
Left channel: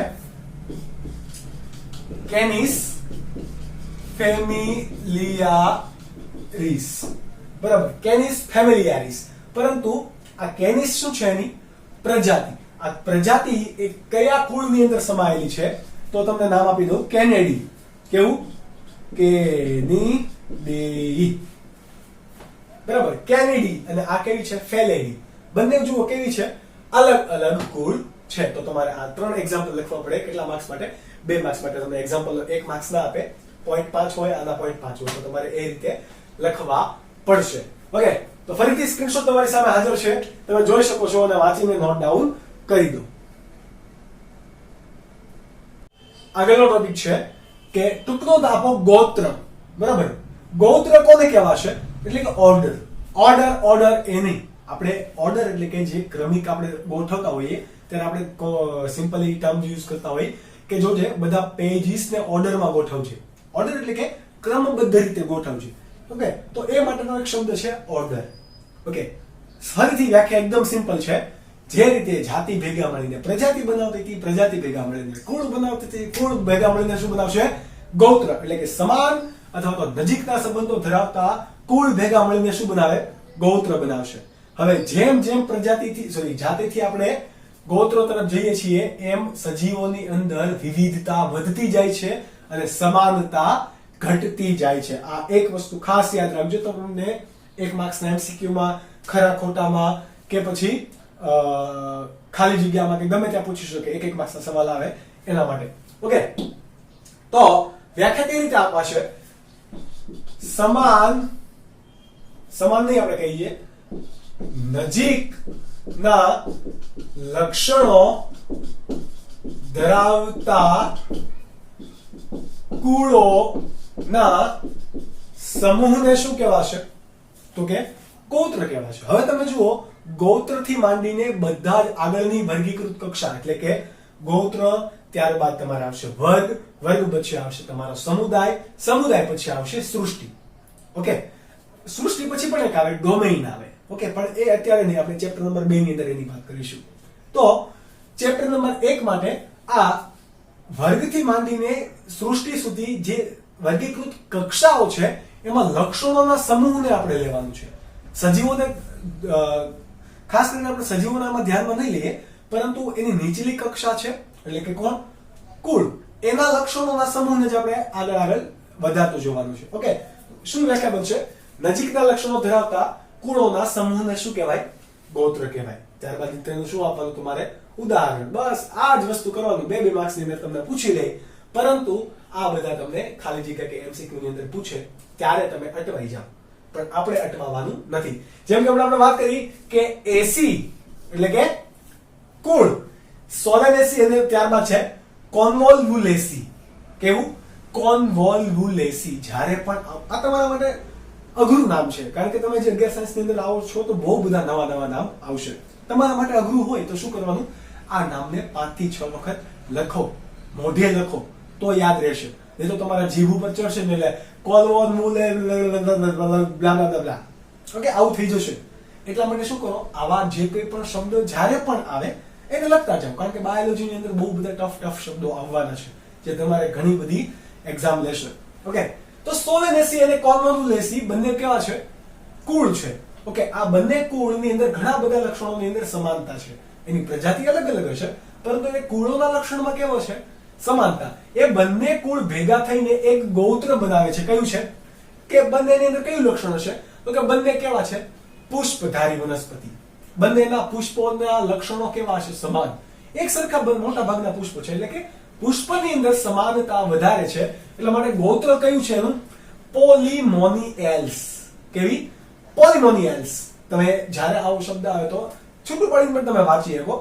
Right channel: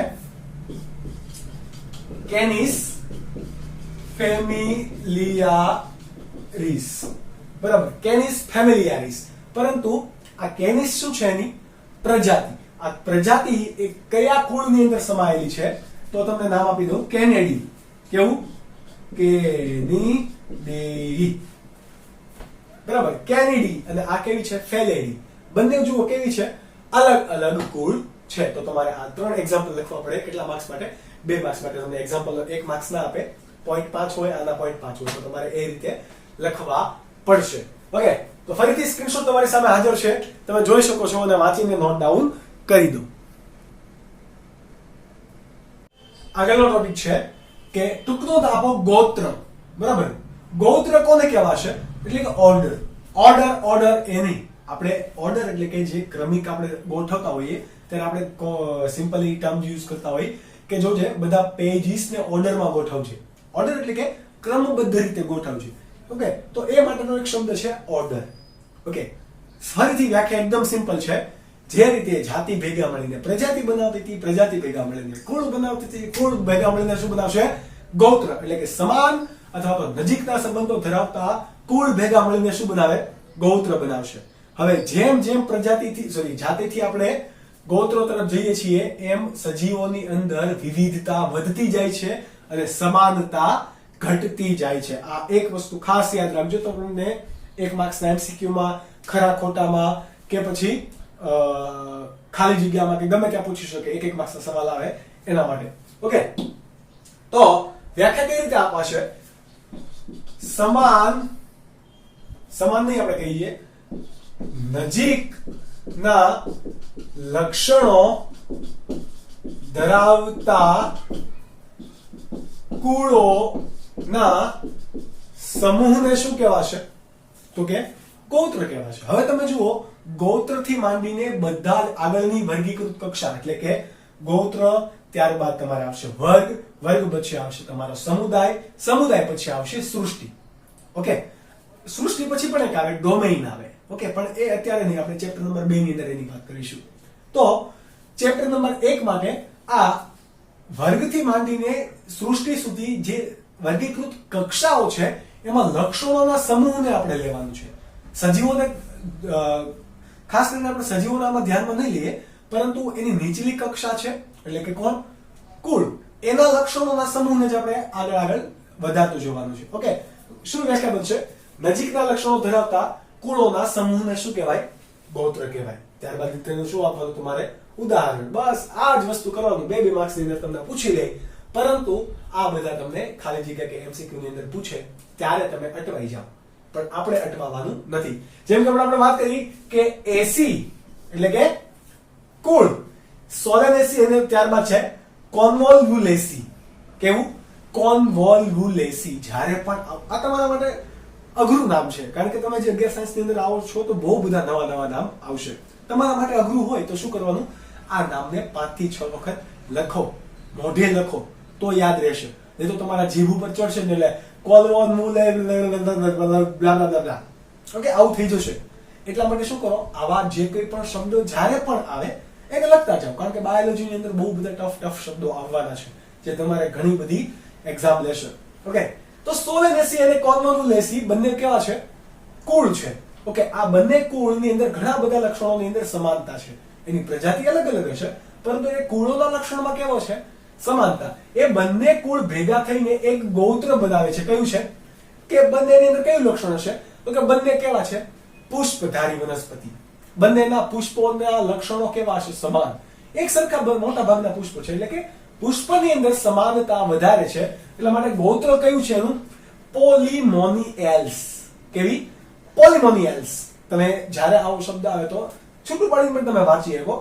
કેનિસ ફેમિલિયારિસ. બરાબર, કેનિસ ફેમિલિયારિસ. પરંતુ આ કેનિસ શું છે? એની પ્રજાતિ. આ પ્રજાતિ એ કયા કુળની અંદર સમાયેલી છે? તો તમને નામ આપી દઉં, કેનેડી. કેવું? કેનીડી. બરાબર, કેનેડી. અને આ કેવી છે? ફેલેડી. બંને જુઓ કેવી છે? અલગ અલગ કુળ છે. તો તમારે આ 3 એક્ઝામ્પલ લખવા પડે. કેટલા માર્ક્સ માટે? 2 માર્ક્સ માટે. તમને એક્ઝામ્પલ 1 માર્ક્સ ના આપે, 0.5 હોય, આના 0.5 હોય, તો તમારે એ રીતે લખવા પડશે. ઓકે, તો ફરીથી સ્ક્રીનશોટ તમારી સામે હાજર છે, તમે જોઈ શકો છો, અને વાંચીને નોટ ડાઉન કરી દો. આગળનો ટોપિક છે કે ટૂંકનોંધ આપો ગોત્ર. બરાબર, ગોત્ર કોને કહેવાશે? એટલે કે ઓર્ડર. ઓર્ડર એની આપણે ઓર્ડર એટલે કે જે ક્રમિક આપણે ગોઠવતા હોઈએ ત્યારે આપણે સિમ્પલી ટર્મ યુઝ કરતા હોઈએ કે જો જે બધા પેજીસ ને ઓર્ડરમાં ગોઠવશે. ઓર્ડર એટલે કે ક્રમબદ્ધ રીતે ગોઠવશે. ઓકે, તો એ માટેનો એક શબ્દ છે ઓર્ડર. ઓકે, ફરીથી વ્યાખ્યા એકદમ સિમ્પલ છે જે રીતે જાતિ ભેગા મળીને પ્રજાતિ બનાવતી હતી, પ્રજાતિ ભેગા મળીને કુળ બનાવતી હતી, કુળ ભેગા મળીને શું બનાવશે? ગોત્ર. એટલે કે સમાન અથવા તો નજીકના સંબંધો ધરાવતા કુળ ભેગા મળીને શું બનાવે? ગોત્ર બનાવશે. હવે જેમ જેમ પ્રજાતિથી જાતિથી આપણે ગોત્રો તરફ જઈએ છીએ એમ સજીવોની અંદર વિવિધતા વધતી જાય છે અને સમાનતા ઘટતી જાય છે. આ એક વસ્તુ ખાસ યાદ રાખજો. તમને 1 માર્ક્સના એમસીક્યુમાં ખરા ખોટામાં કે પછી ખાલી જગ્યામાં કે ગમે ત્યાં પૂછી શકે, 1 માર્ક્સના સવાલ આવે એના માટે. ઓકે, તો વ્યાખ્યા કઈ રીતે અપાશે? સમાન નહીં આપણે કહીએ, નજીકના લક્ષણો ધરાવતા કુળોના સમૂહને શું કહેવાશે? તો કે ગોત્ર કહેવાશે. હવે તમે જુઓ, ગોત્રથી માંડીને બધા જ આગળની વર્ગીકૃત કક્ષા એટલે કે ગોત્ર, ત્યારબાદ તમારે આવશે વર્ગ, વર્ગ પછી આવશે તમારો સમુદાય, સમુદાય પછી આવશે સૃષ્ટિ. ઓકે, સૃષ્ટિ પછી પણ એક આવે ડોમેઇન આવે. ઓકે, પણ એ અત્યારે નહીં, આપણે ચેપ્ટર નંબર 2 ની અંદર એની વાત કરીશું. તો ચેપ્ટર નંબર 1 માટે આ વર્ગથી માંડીને સૃષ્ટિ સુધી જે વર્ગીકૃત કક્ષાઓ છે એમાં લક્ષણોના સમૂહને આપણે લેવાનું છે. સજીવોને ખાસ કરીને આપણે સજીવોના આમાં ધ્યાનમાં નહીં લઈએ, પરંતુ એની નીચલી કક્ષા છે એટલે કે કોણ? કુળ. એના લક્ષણોના સમૂહને જ આપણે આગળ વધારતું જોવાનું છે. ઓકે, શું વ્યાખ્યા બનશે? નજીકના લક્ષણો ધરાવતા કુળોના સમૂહને શું કહેવાય? ગોત્ર કહેવાય. ત્યારબાદ તેનું શું આપવાનું તમારે? ઉદાહરણ. બસ આ જ વસ્તુ કરવાનું. 2 માર્ક્સની અંદર તમને પૂછી લે, પરંતુ આ બધા તમને ખાલી જગ્યા કે એમસીક્યુ ની અંદર પૂછે ત્યારે તમે અટવાઈ જાઓ, પણ આપણે અટવાવાનું નથી. જેમ કે આપણે વાત કરી કે એસી એટલે કે કુળ, સોલેનેસી અને ત્યારબાદ છે કોન્વોલ્વુલેસી. કેવું? કોન્વોલ્વુલેસી. જ્યારે પણ આ તમારા માટે અઘરું નામ છે, કારણ કે તમે જે 11 સાયન્સ ની અંદર આવો છો તો બહુ બધા નવા નામ આવશે. તમારા માટે અઘરું હોય તો શું કરવાનું? આ નામને 5 થી 6 વખત લખો, મોઢે લખો, તો યાદ રહેશે. નહીં તો તમારા જીભ ઉપર ચડશે ને એટલે કોન્વોલ્વુલેસી. ઓકે, આવું થઈ જશે. એટલા માટે શું કરો? આવા જે કોઈ પણ શબ્દો જ્યારે પણ આવે એને લખતા જાઓ, કારણ કે બાયોલોજીની અંદર બહુ બધા ટફ શબ્દો આવવાના છે જે તમારે ઘણી બધી એક્ઝામ લેશે. ઓકે, તો સોલેનેસી અને કોન્વોલ્વુલેસી બંને કેવા છે? કુળ છે. ઓકે, આ બંને કુળની અંદર ઘણા બધા લક્ષણોની અંદર સમાનતા છે. એની પ્રજાતિ અલગ અલગ હશે, પરંતુ એ કુળોના લક્ષણમાં કેવો છે? સમાનતા. એ બંને કુળ ભેગા થઈને એક ગોત્ર બનાવે છે. કયું છે? કે બંનેની અંદર કયું લક્ષણ છે? તો કે બંને કેવા છે? પુષ્પધારી વનસ્પતિ. બંનેના પુષ્પોના લક્ષણો કેવા છે? સમાન. એક સરખા મોટા ભાગના પુષ્પો છે, એટલે કે પુષ્પની અંદર સમાનતા વધારે છે. એટલા માટે ગોત્ર કયું છે એનું? પોલિમોનિયલ્સ. કેવી? પોલિમોનિયલ્સ. તમે જ્યારે આવો શબ્દ આવે તો છૂટું પાડીને પણ તમે વાંચી શકો.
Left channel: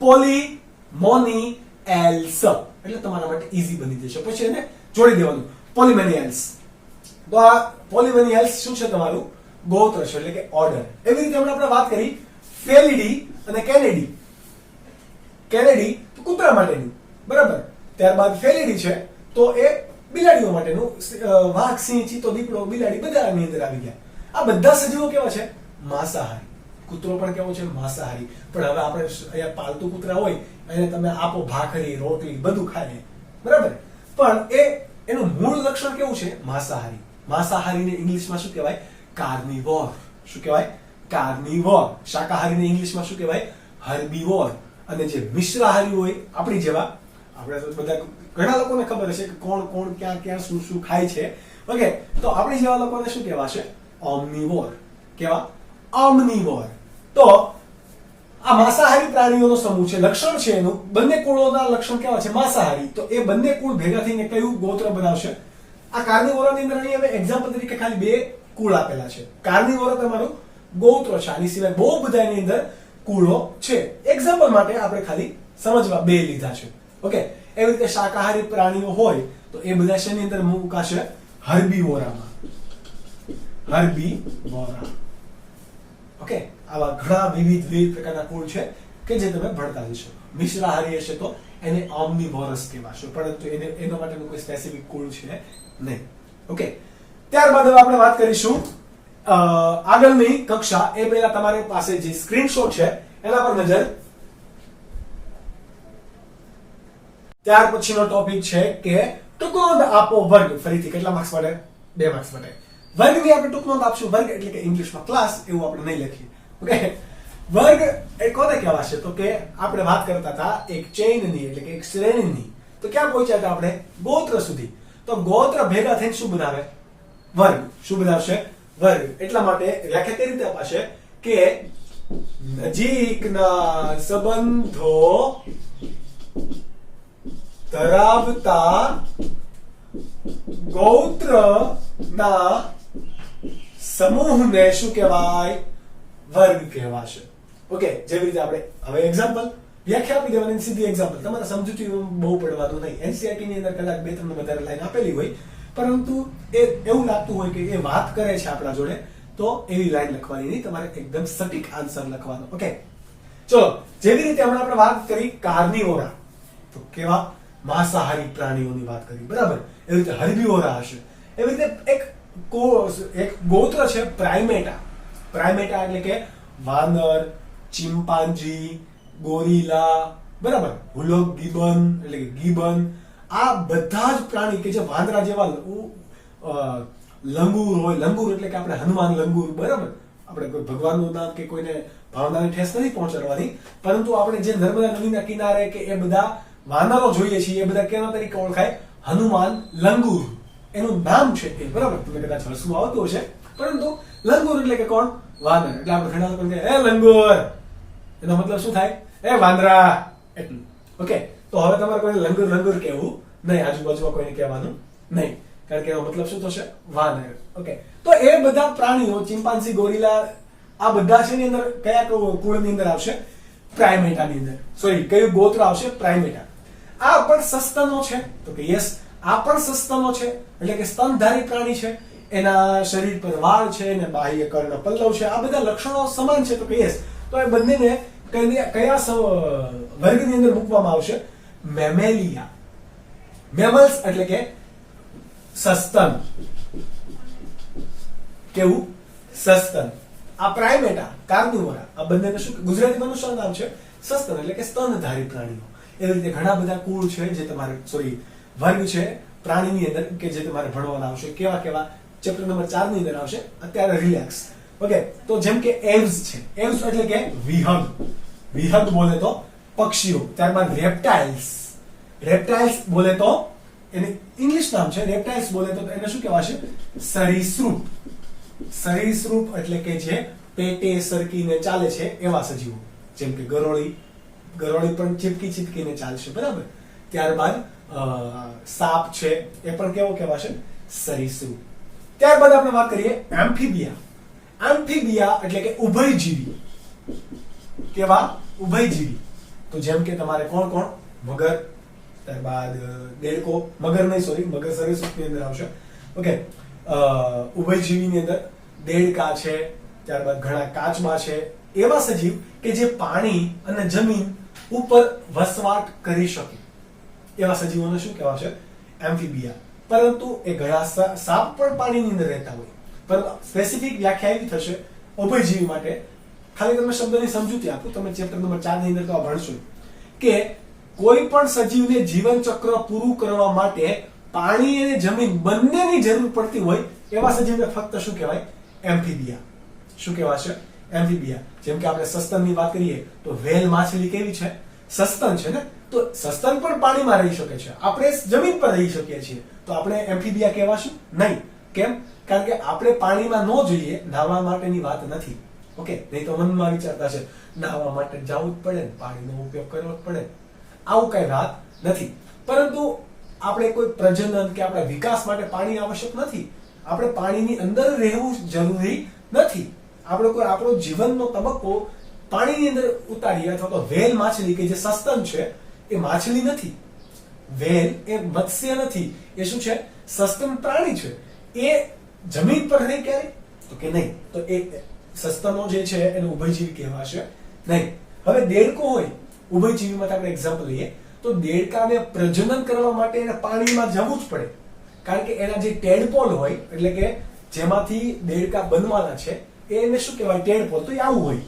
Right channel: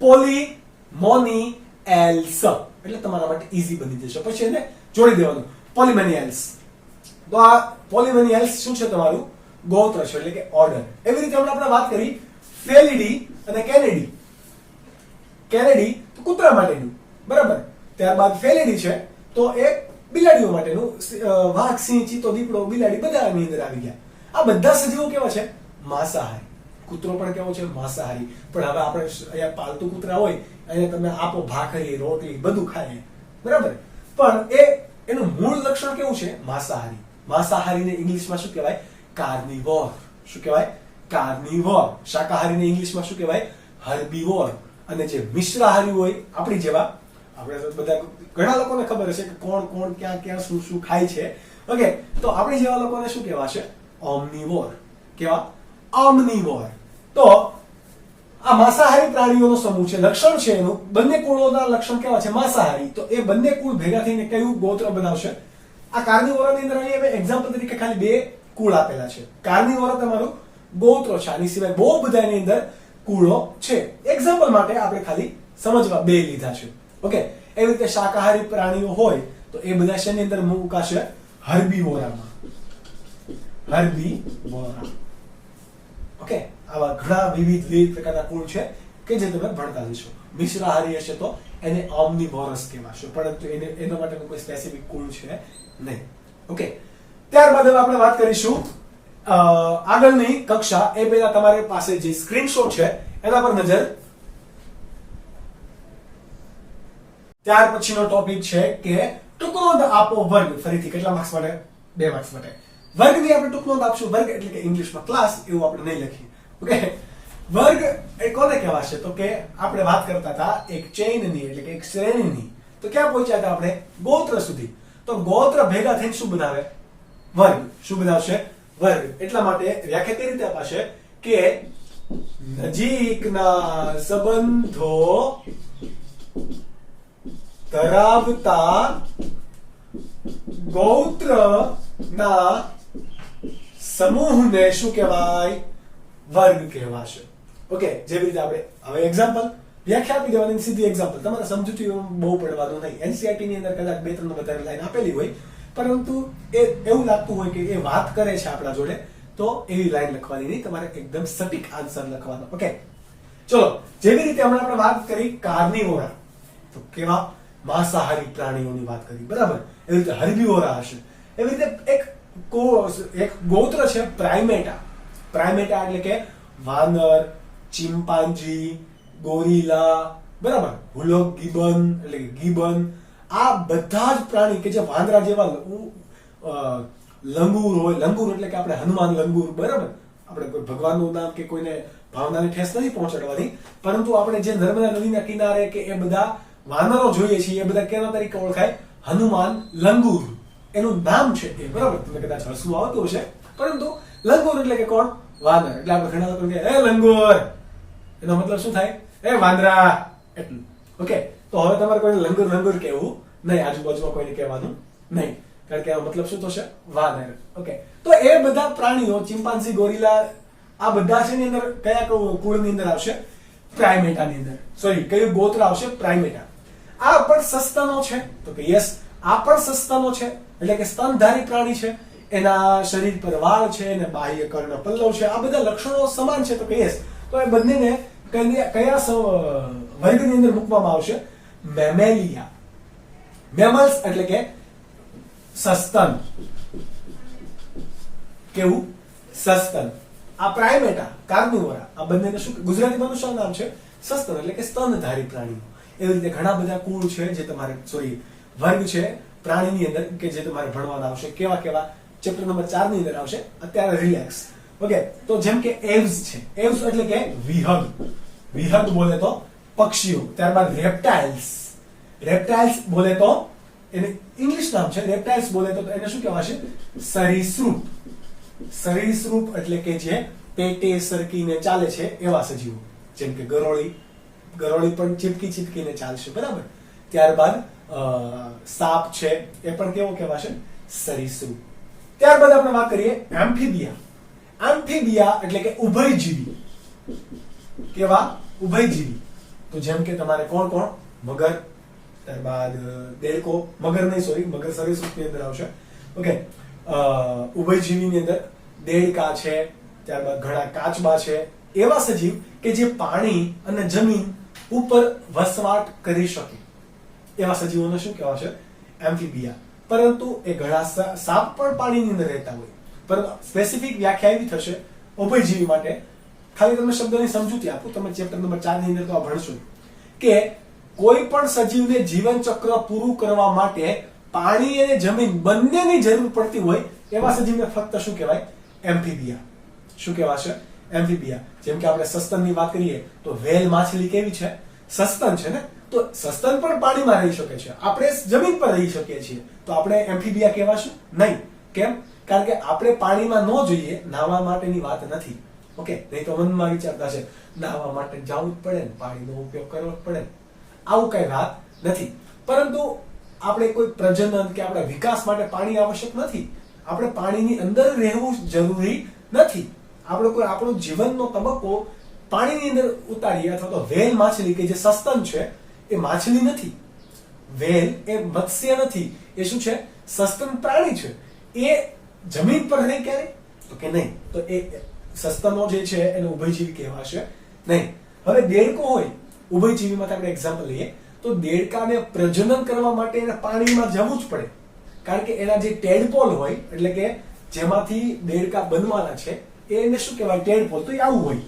પોલિમોનિયલ્સ એટલે તમારા માટે ઈઝી બની જશે. પછી એને જોડી દેવાનું, પોલિમોનિયલ્સ. તો આ પોલિમોનિયલ્સ શું છે? તમારું ગોત્ર છે, એટલે કે ઓર્ડર. એવી રીતે આપણે વાત કરી ફેલિડી અને કેનેડી. કેનેડી તો કૂતરા માટેનું, બરાબર. ત્યારબાદ ફેલિડી છે તો એ બિલાડીઓ માટેનું. વાઘ, સિંહ, ચિત્તો, દીપડો, બિલાડી બધાની અંદર આવી ગયા. આ બધા સજીવો કેવા છે? માંસાહારી. કૂતરો પણ કેવો છે? માંસાહારી. પણ હવે આપણે અહીંયા પાલતુ કૂતરા હોય એને તમે આપો ભાખરી, રોટલી બધું ખાય, બરાબર. પણ એનું મૂળ લક્ષણ કેવું છે? માંસાહારી. માંસાહારીને ઇંગ્લિશમાં શું કહેવાય? કાર્નિવોર. શું કહેવાય? કાર્નિવોર. શાકાહારીને ઇંગ્લિશમાં શું કહેવાય? હર્બીવોર. અને જે મિશ્રાહારી હોય આપણી જેવા, આપણે બધા ઘણા લોકોને ખબર હશે કે કોણ ક્યાં શું ખાય છે. ઓકે, તો આપણી જેવા લોકોને શું કહેવાશે? ઓમ્નિવોર. કેવા? ઓમ્નિવોર. તો આ માંસાહારી પ્રાણીઓનો સમૂહ છે. લક્ષણ છે એનું, બંને કુળોના લક્ષણ કેવા છે? માંસાહારી. તો એ બંને કુળ ભેગા થઈને કયું ગોત્ર બનાવશે? આ કાર્નિવોરાની અંદર અહીં હવે એક્ઝામ્પલ તરીકે ખાલી 2 કુળ આપેલા છે. કાર્નિવોરા તમારું ગોત્ર છે. આની સિવાય બહુ બધા એની અંદર કુળો છે. એક્ઝામ્પલ માટે આપણે ખાલી સમજવા 2 લીધા છે. ઓકે, એવી રીતે શાકાહારી પ્રાણીઓ હોય તો એ બધા શેની અંદર મુકાશે? હર્બીવોરામાં. હર્બીવોરા. ઓકે, આવા ઘણા વિવિધ પ્રકારના કુળ છે કે જે તમે ભણતા જશો. મિશ્રાહારી હશે તો એને ઓમ્નિવોરસ કહેવાશે, પરંતુ એના માટેનું કોઈ સ્પેસિફિક કુળ છે નહીં. ઓકે, ત્યારબાદ હવે આપણે વાત કરીશું આગળની કક્ષા. એ પહેલા તમારી પાસે જે સ્ક્રીનશોટ છે એના પર નજર. ત્યાર પછીનો ટોપિક છે કે ટૂંક નોંધ આપો વર્ગ. ફરીથી કેટલા માર્ક્સ માટે? 2 માર્ક્સ માટે. વર્ગની આપણે ટૂંક નોંધ આપશું. વર્ગ એટલે કે ઇંગ્લિશમાં ક્લાસ એવું આપણે નહીં લખીએ. ઓકે, વર્ગ એ કોને કહેવાશે? તો કે આપણે વાત કરતા હતા એક ચેઇનની એટલે કે એક શ્રેણીની. તો ક્યાં પહોંચ્યા હતા આપણે? ગોત્ર સુધી. તો ગોત્ર ભેગા થઈને શું બનાવે? વર્ગ. શું બનાવશે? વર્ગ. એટલા માટે વ્યાખ્યા કઈ રીતે અપાશે કે નજીકના સંબંધો ધરાવતા ગોત્રના સમૂહને શું કહેવાય? વર્ગ કહેવાશે. ઓકે, જેવી રીતે આપણે હવે એક્ઝામ્પલ વ્યાખ્યા આપી દેવાની, સીધી એક્ઝામ્પલ. તમારે સમજૂતી બહુ પડવાનું નહીં. એનસીઈઆરટી ની અંદર કદાચ 2-3 વધારે લાઈન આપેલી હોય, પરંતુ એ એવું લાગતું હોય કે એ વાત કરે છે આપણા જોડે, તો એવી લાઈન લખવાની નહીં. તમારે એકદમ સટીક આન્સર લખવાનો. ઓકે, ચલો. જેવી રીતે હમણાં આપણે વાત કરી કાર્નિવોરા, તો કેવા માંસાહારી પ્રાણીઓની વાત કરી, બરાબર? એવી રીતે હર્બીવોરા હશે. એવી રીતે એક ગોત્ર છે પ્રાઇમેટા. પ્રાઇમેટા એટલે કે વાનર, ચિમ્પાન્જી, ગોરીલા, બરાબર? હુલોક ગિબન એટલે કે ગિબન. આ બધા જ પ્રાણી કે જે વાંદરા જેવા લંગૂર હોય. લંગૂર એટલે કે આપણે હનુમાન લંગૂર, બરાબર? આપણે કોઈ ભગવાનનું નામ કે કોઈને ભાવનાને ઠેસ નથી પહોંચાડવાની, પરંતુ આપણે જે નર્મદા નદીના કિનારે કે એ બધા વાનરો જોઈએ છીએ, એ બધા કેના તરીકે ઓળખાય? હનુમાન લંગૂર. એનું નામ છે એ, બરાબર? તમને કદાચ હસવું આવતું હશે, પરંતુ લંગૂર એટલે કે કોણ? વાનર. એટલે આપણે ઘણા લોકો કહે એ લંગૂર, એનો મતલબ શું થાય? એ વાંદરા, એટલું. ઓકે, તો હવે તમારે કોઈને લંગૂર લંગૂર કહેવું નહીં, આજુબાજુમાં કોઈને કહેવાનું નહીં, કારણ કે એનો મતલબ શું થશે? વાનર. ઓકે, તો એ બધા પ્રાણીઓ, ચિમ્પાન્જી, ગોરીલા, આ બધા છે ની અંદર કયા કુળની અંદર આવશે? પ્રાઇમેટાની અંદર. સોરી, કયું ગોત્ર આવશે? પ્રાઇમેટા. આ પણ સસ્તનો છે? તો કે યસ, આ પણ સસ્તનો છે, એટલે કે સ્તનધારી પ્રાણી છે. એના શરીર પર વાળ છે અને બાહ્ય કર્ણ પલ્લવ છે. આ બધા લક્ષણો સમાન છે, તો કે યસ. તો એ બંનેને કયા વર્ગની અંદર મૂકવામાં આવશે? મેમેલિયા. મેમલ્સ એટલે કે સસ્તન. કેવું? સસ્તન. આ પ્રાઇમેટા, કાર્નિવોરા, આ બંનેને શું ગુજરાતીમાં શું નામ છે? સસ્તન એટલે કે સ્તનધારી પ્રાણીઓ. એવી રીતે ઘણા બધા કુળ છે જે તમારે વર્ગ છે પ્રાણીની અંદર કે જે તમારે ભણવાના આવશે. કેવા કેવા? ચેપ્ટર નંબર 4 ની અંદર આવશે. અત્યારે રિલેક્સ. ઓકે, તો જેમ કે એવ્સ છે. એવ્સ એટલે કે વિહંગ. વિહંગ બોલે તો પક્ષીઓ. ત્યારબાદ રેપ્ટાઇલ્સ. રેપ્ટાઇલ્સ બોલે તો એને ઇંગ્લિશ નામ છે. રેપ્ટાઇલ્સ બોલે તો એને શું કહેવાશે? સરીસૃપ. સરીસૃપ એટલે કે જે પેટે સરકીને ચાલે છે એવા સજીવો, જેમ કે ગરોળી. ગરોળી પણ ચીપકીને ચાલશે, બરાબર? ત્યારબાદ સાપ છે, એ પણ કેવો કહેવાશે? સરીસૃપ. ત્યારબાદ આપણે વાત કરીએ એમ્ફીબિયા. એમ્ફીબિયા એટલે કે ઉભયજીવી. કેવા? ઉભયજીવી. તો જેમ કે તમારે કોણ કોણ? મગર, ત્યારબાદ દેડકો. મગર નહીં, સોરી, મગર સરીસૃપની અંદર આવશે. ઓકે, ઉભયજીવીની અંદર દેડકા છે, ત્યારબાદ ઘણા કાચબા છે. એવા સજીવ કે જે પાણી અને જમીન ઉપર વસવાટ કરી શકે, એવા સજીવોને શું કહેવાશે? એમ્ફીબિયા. પરંતુ એ ઘણા સાપ પણ પાણીની અંદર રહેતા હોય, પરંતુ સ્પેસિફિક વ્યાખ્યા એવી થશે ઉભયજીવી માટે. ખાલી તમે શબ્દની સમજૂતી આપો. તમે ચેપ્ટર નંબર 4 ની અંદર તો આ ભણશો કે કોઈ પણ સજીવને જીવન ચક્ર પૂરું કરવા માટે પાણી અને જમીન બંનેની જરૂર પડતી હોય એવા સજીવને ફક્ત શું કહેવાય? એમ્ફીબિયા. શું કહેવાશે? એમ્ફીબિયા. જેમ કે આપણે સસ્તનની વાત કરીએ તો વેલ માછલી કેવી છે? સસ્તન છે ને. તો સસ્તન પણ પાણીમાં રહી શકે છે, આપણે જમીન પર રહી શકીએ છીએ, તો આપણે એમ્ફીબિયા કહેવાશું નહીં. કેમ? કારણ કે આપણે પાણીમાં ન જોઈએ. નાહવા માટેની વાત નથી. ઓકે, નહીં તો મનમાં વિચારતા છે નાહવા માટે જવું જ પડે ને, પાણીનો ઉપયોગ કરવો જ પડે, આવું કઈ વાત નથી. પરંતુ આપણે કોઈ પ્રજનન કે આપણા વિકાસ માટે પાણી આવશ્યક નથી. આપણે પાણીની અંદર રહેવું જરૂરી નથી. આપણે કોઈ આપણો જીવનનો તબક્કો પાણીની અંદર ઉતારીએ, અથવા તો વેલ માછલી કે જે સસ્તન છે એ માછલી નથી. વેલ એ મત્સ્ય નથી. એ શું છે? સસ્તન પ્રાણી છે. એ જમીન પર રહે ક્યારે? તો કે નહીં. તો એ સસ્તનો જે છે એને ઉભયજીવી કહેવાશે નહીં. હવે દેડકો હોય, ઉભયજીવીમાં આપણે એક્ઝામ્પલ લઈએ તો દેડકાને પ્રજનન કરવા માટે એને પાણીમાં જવું જ પડે, કારણ કે એના જે ટેડપોલ હોય, એટલે કે જેમાંથી દેડકા બનવાના છે, એને શું કહેવાય? ટેડપોલ. તો એ આવું હોય,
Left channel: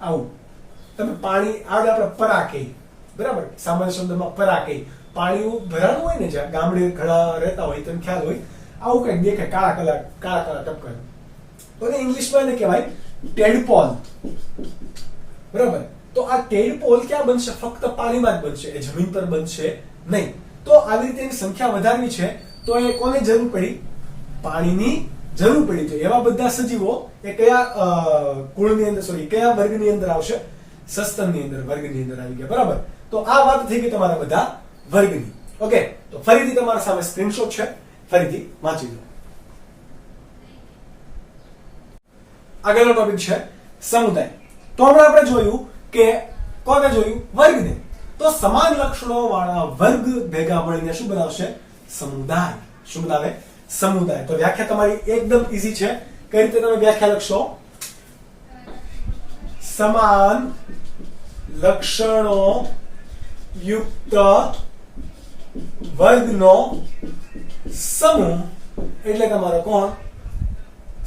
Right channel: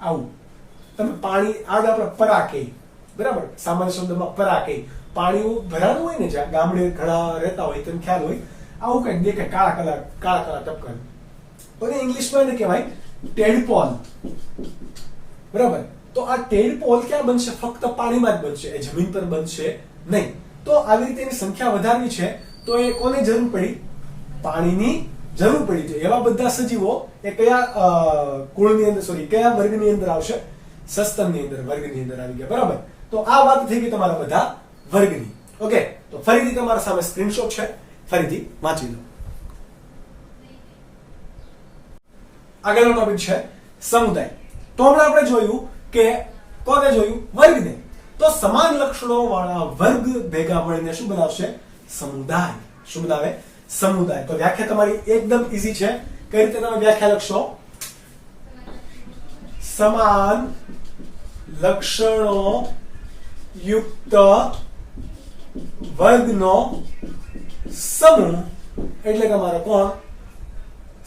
આવું. તમે પાણી આપણે પરા કહીએ, બરાબર, સામાન્ય શબ્દમાં પરા કહીએ. પાણી ભરાનું હોય ને, જ્યાં ગામડે ઘણા રહેતા હોય તમને ખ્યાલ હોય, આવું કઈક દેખાય, કાળા કાળા ટપકા. અને ઇંગ્લિશમાં એને કહેવાય ટેડપોલ, બરાબર. તો આ ટેડપોલ ક્યાં બનશે? ફક્ત પાણીમાં જ બનશે, એ જમીન પર બનશે નહીં. તો આવી રીતે એની સંખ્યા વધારવી છે તો એ કોની જરૂર પડી? પાણીની જરૂર પડી છે. એવા બધા સજીવો એ કયા કુળની અંદર, કયા વર્ગની અંદર આવશે? સસ્તનની અંદર, વર્ગની અંદર આવી ગયા, બરાબર. તો આ વાત થઈ ગઈ તમારા બધા વર્ગની. ઓકે, તો ફરીથી તમારા સામે સ્ક્રીનશોટ છે, ફરીથી વાંચી લો. આગળનો ટોપિક છે સમુદાય. તો હમણાં આપણે જોયું કે કોને જોયું? વર્ગને. તો સમાન લક્ષણો વાળા વર્ગ ભેગા મળીને શું બનાવશે? સમુદાય. શું બનાવે? સમુદાય. તો વ્યાખ્યા તમારી એકદમ ઈઝી છે. કઈ રીતે તમે વ્યાખ્યા લખશો? સમાન લક્ષણો યુક્ત વર્ગનો સમૂહ એટલે તમારો કોણ?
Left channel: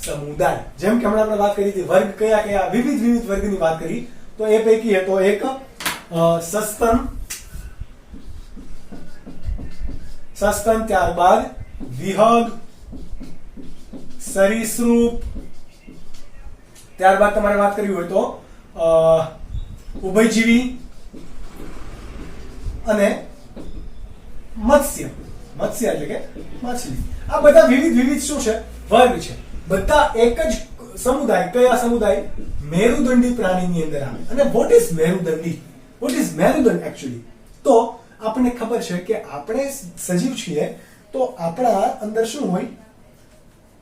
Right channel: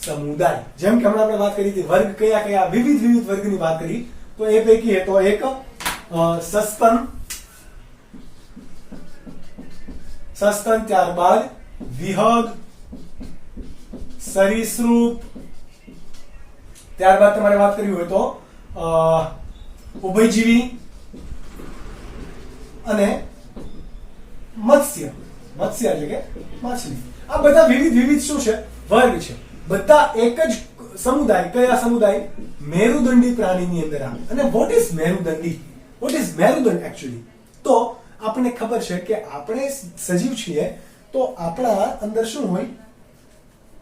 સમુદાય. જેમ કે હમણાં આપણે વાત કરી હતી, વર્ગ કયા કયા? વિવિધ વર્ગની વાત કરી. તો એ પૈકી તો એક સસ્તન, ત્યારબાદ વિહંગ, સરીસૃપ, ત્યારબાદ તમારે વાત કરવી હોય તો ઉભયજીવી અને મત્સ્ય એટલે કે માછલી. આ બધા વિવિધ શું છે? વર્ગ છે. બધા એક જ સમુદાય. કયા સમુદાય? મેરુદંડી પ્રાણીની અંદર આવે. અને વોટ ઇઝ મેરુદંડી? વોટ ઇઝ મેરુદંડ એકચ્યુઅલી? તો આપણને ખબર છે કે આપણે સજીવ છીએ તો આપણા અંદર શું હોય?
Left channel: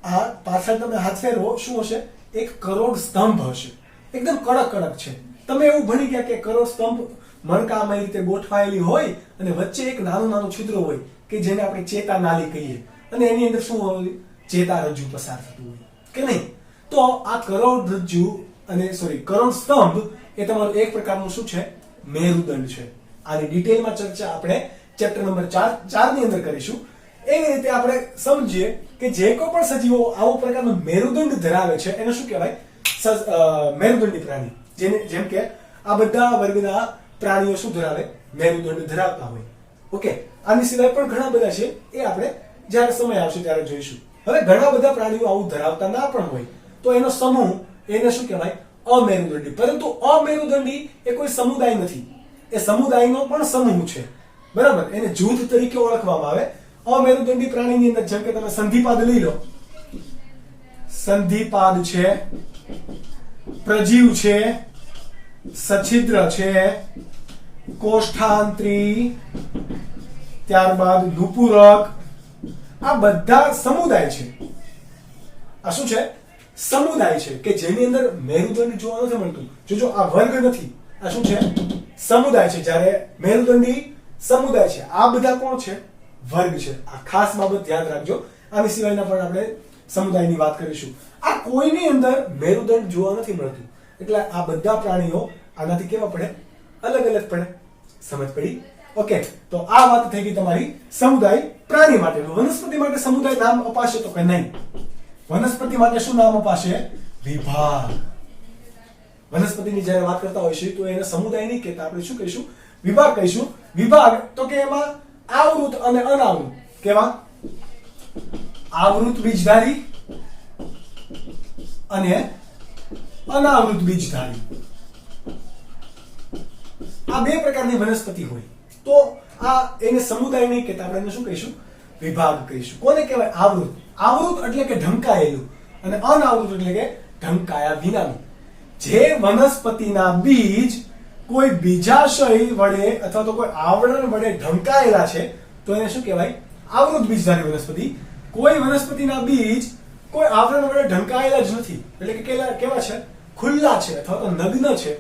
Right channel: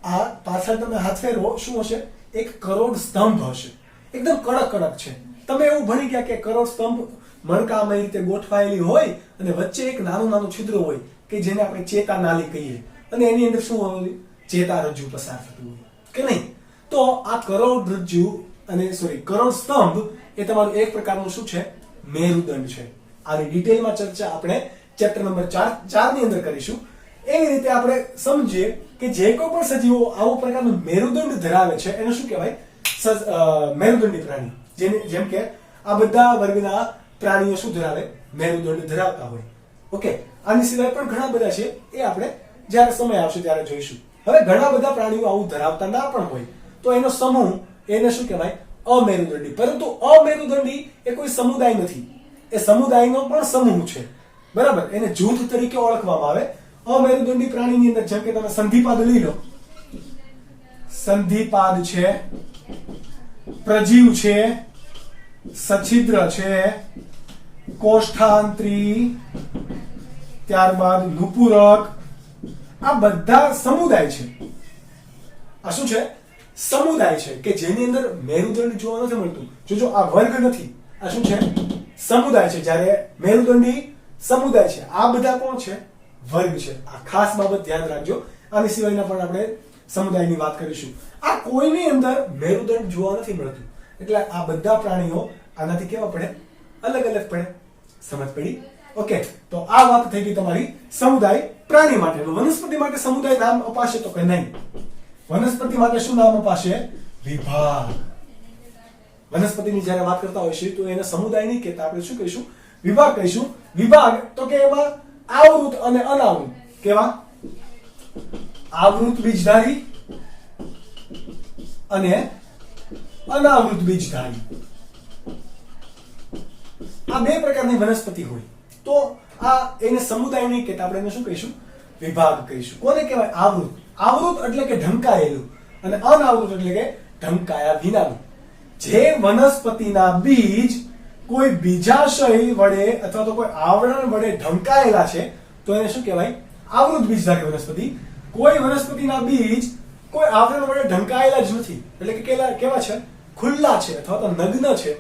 આ પાછળ તમે હાથ ફેરવો, શું હશે? એક કરોડ સ્તંભ હશે. એકદમ કડક છે. તમે એવું ભણી ગયા કે કરોડ સ્તંભ મણકામાં એ રીતે ગોઠવાયેલી હોય અને વચ્ચે એક નાનું છિદ્ર હોય કે જેને આપણે ચેતા નાલી કહીએ, અને એની અંદર શું હોય? ચેતારજ્જુ પસાર થતું હોય કે નહીં? તો આ કરોડરજ્જુ અને કરોડ સ્તંભ એ તમારું એક પ્રકારનું શું છે? મેરુદંડ છે. આની ડિટેલમાં ચર્ચા આપણે ચેપ્ટર નંબર 4 ની અંદર કરીશું. એવી રીતે આપણે સમજીએ કે જે કોઈ પણ સજીવો આવો પ્રકારનું મેરુદંડ ધરાવે છે એને શું કહેવાય? મેરુદંડી પ્રાણી. જેમ કે આ બધા વર્ગના પ્રાણીઓ શું ધરાવે? મેરુદંડ ધરાવતા હોય. ઓકે, આની સિવાય પણ ઘણા બધા છે, એ આપણે જ્યારે સમય આવશે ત્યારે જોઈશું. હવે ઘણા બધા પ્રાણીઓ આવું ધરાવતા ના પણ હોય તો એનો સમૂહ, એને શું કહેવાય? અમેરુદંડી. પરંતુ અમેરુદંડી એ કોઈ સમુદાય નથી, એ સમુદાયનો પણ સમૂહ છે, બરાબર. એને જૂથ તરીકે ઓળખવામાં આવે. અમેરુદંડી પ્રાણીની અંદર જેમ કે તમે સંધિપાદ લઈ લો. સંધિપાદ છે, પ્રજીવ છે, સછિદ્ર છે, કોષ્ઠાંત્રી, ત્યારબાદ નુપુરક. આ બધા સમુદાય છે. આ શું છે? સમુદાય છે કે જેની અંદર મેરુદંડ જોવા નથી મળતું. જોજો, આ વર્ગ નથી, આ શું છે? સમુદાય છે. જ્યારે મેરુદંડી સમુદાય છે, આ બધા કોણ છે? વર્ગ છે. આ ખાસ બાબત ધ્યાન રાખજો. આની સિવાયના પણ આપણે સમુદાયની વાત કરીશું. આ કોઈની અંદર મેરુદંડ જોવા નથી મળતું, એટલે આ બધા પ્રાણીઓ આનાથી કેવા પડે? અલગ પડે. સમજ પડી? ઓકે, તો આ વાત થઈ ગઈ તમારી સમુદાય પ્રાણી માટે. વનસ્પતિ માટે સમુદાય નામ અપાશે તો કે નહીં? વનસ્પતિ માટે શું નામ અપાશે? વિભાગ. વનસ્પતિની જ્યારે વાત કરતા હોઈશું તો એને સમુદાય નહીં કહેતા, આપણે શું કહીશું? વિભાગ કહીશું. વિભાગ તો કે એમાં આવૃત અને અનાવૃત. કેવા? આવૃત બીજધારી અને અનાવૃત બીજધારી. આ બે પ્રકારની વનસ્પતિ હોય તો આ એને સમુદાય નહીં કહેતા, આપણે એને શું કહીશું? વિભાગ કહીશું. કોને કહેવાય? આવૃત. આવૃત એટલે કે ઢંકાયેલું, અને અનાવૃત એટલે કે ઢંકાયા વિનાનું. જે વનસ્પતિના બીજ કોઈ બીજાશય વડે અથવા તો કોઈ આવરણ વડે ઢંકાયેલા છે તો એને શું કહેવાય? આવૃત બીજધારી વનસ્પતિ. કોઈ વનસ્પતિના બીજ કોઈ આવરણ વડે ઢંકાયેલા જ નથી, એટલે કે કેવા છે? ખુલ્લા છે અથવા તો નગ્ન છે,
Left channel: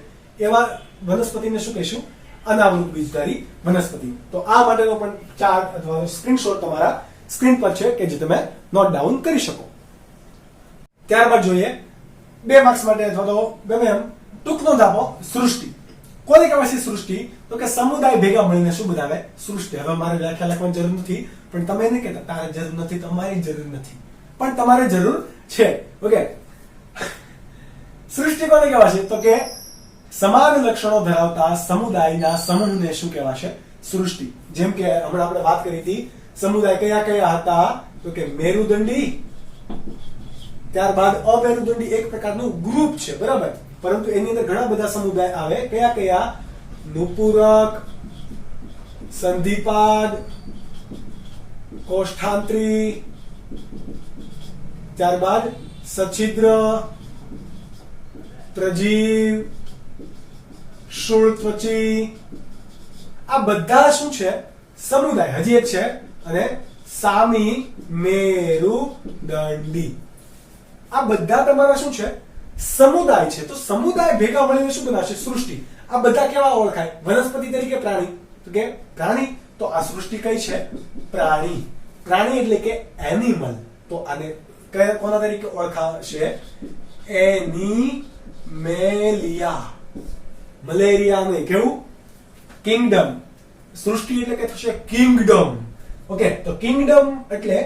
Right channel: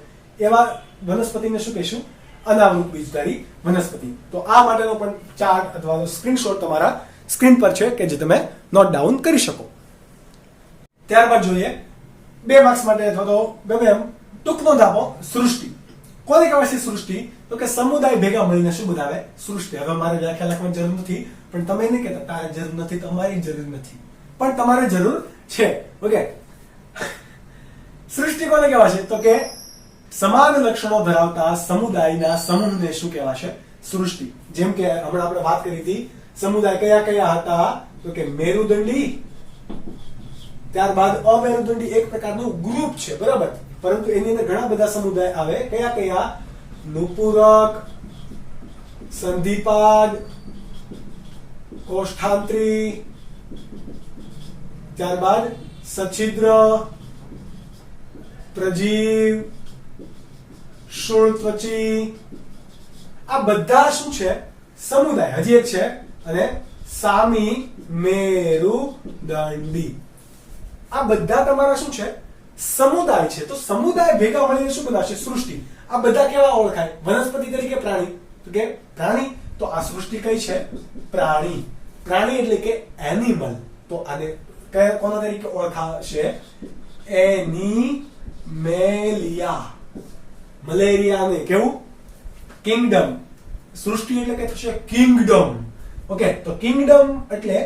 એવા વનસ્પતિને શું કહીશું? અનાવૃત બીજધારી વનસ્પતિ. તો આ માટેનો પણ ચાર્ટ અથવા સ્ક્રીનશોટ તમારા સ્ક્રીન પર છે કે જે તમે નોટ ડાઉન કરી શકો. ત્યારબાદ જોઈએ 2 માર્ક્સ માટે અથવા તો ટૂંક નોંધ આપો. સૃષ્ટિ. કોને કહેવાય છે સૃષ્ટિ? તો કે સમુદાય ભેગા મળીને શું બનાવે? સૃષ્ટિ. હવે મારે વ્યાખ્યા લખવાની જરૂર નથી, પણ તમે નહીં કહેતા તારે જરૂર નથી, તમારી જરૂર નથી, પણ તમારે જરૂર છે. ઓકે, સૃષ્ટિ કોને કહેવાય છે? તો કે સમાન લક્ષણો ધરાવતા સમુદાયના સમૂહને શું કહેવાશે? સૃષ્ટિ. જેમ કે હમણાં આપણે વાત કરી હતી, સમુદાય કયા કયા હતા? તો કે મેરુદંડી, ત્યારબાદ અમેરુદંડી એક પ્રકારનું ગ્રુપ છે, બરાબર. પરંતુ એની અંદર ઘણા બધા સમુદાય આવે. કયા કયા? નુપુરક, સંધિપાદ, કોષ્ઠાંત્રી, ત્યારબાદ સછિદ્ર, પ્રજીવ, શૂળત્વચી. આ બધા શું છે? સમુદાય. હજી એક છે, અને સામી મેરુદંડી. આ બધા તમારા શું છે? સમુદાય છે. તો સમુદાય ભેગા મળીને શું બનાવશે? સૃષ્ટિ. આ બધા કેવા ઓળખાય? વનસ્પતિ તરીકે પ્રાણી. તો કે પ્રાણી, તો આ સૃષ્ટિ કઈ છે? પ્રાણી. પ્રાણી એટલે કે એનિમલ. તો આને કોના તરીકે ઓળખાશે? એનિમેલિયા. મલેરિયા ને કેવું? કિંગડમ. સૃષ્ટિ એટલે કે થશે કિંગડમ. ઓકે, તો કિંગડમ એટલે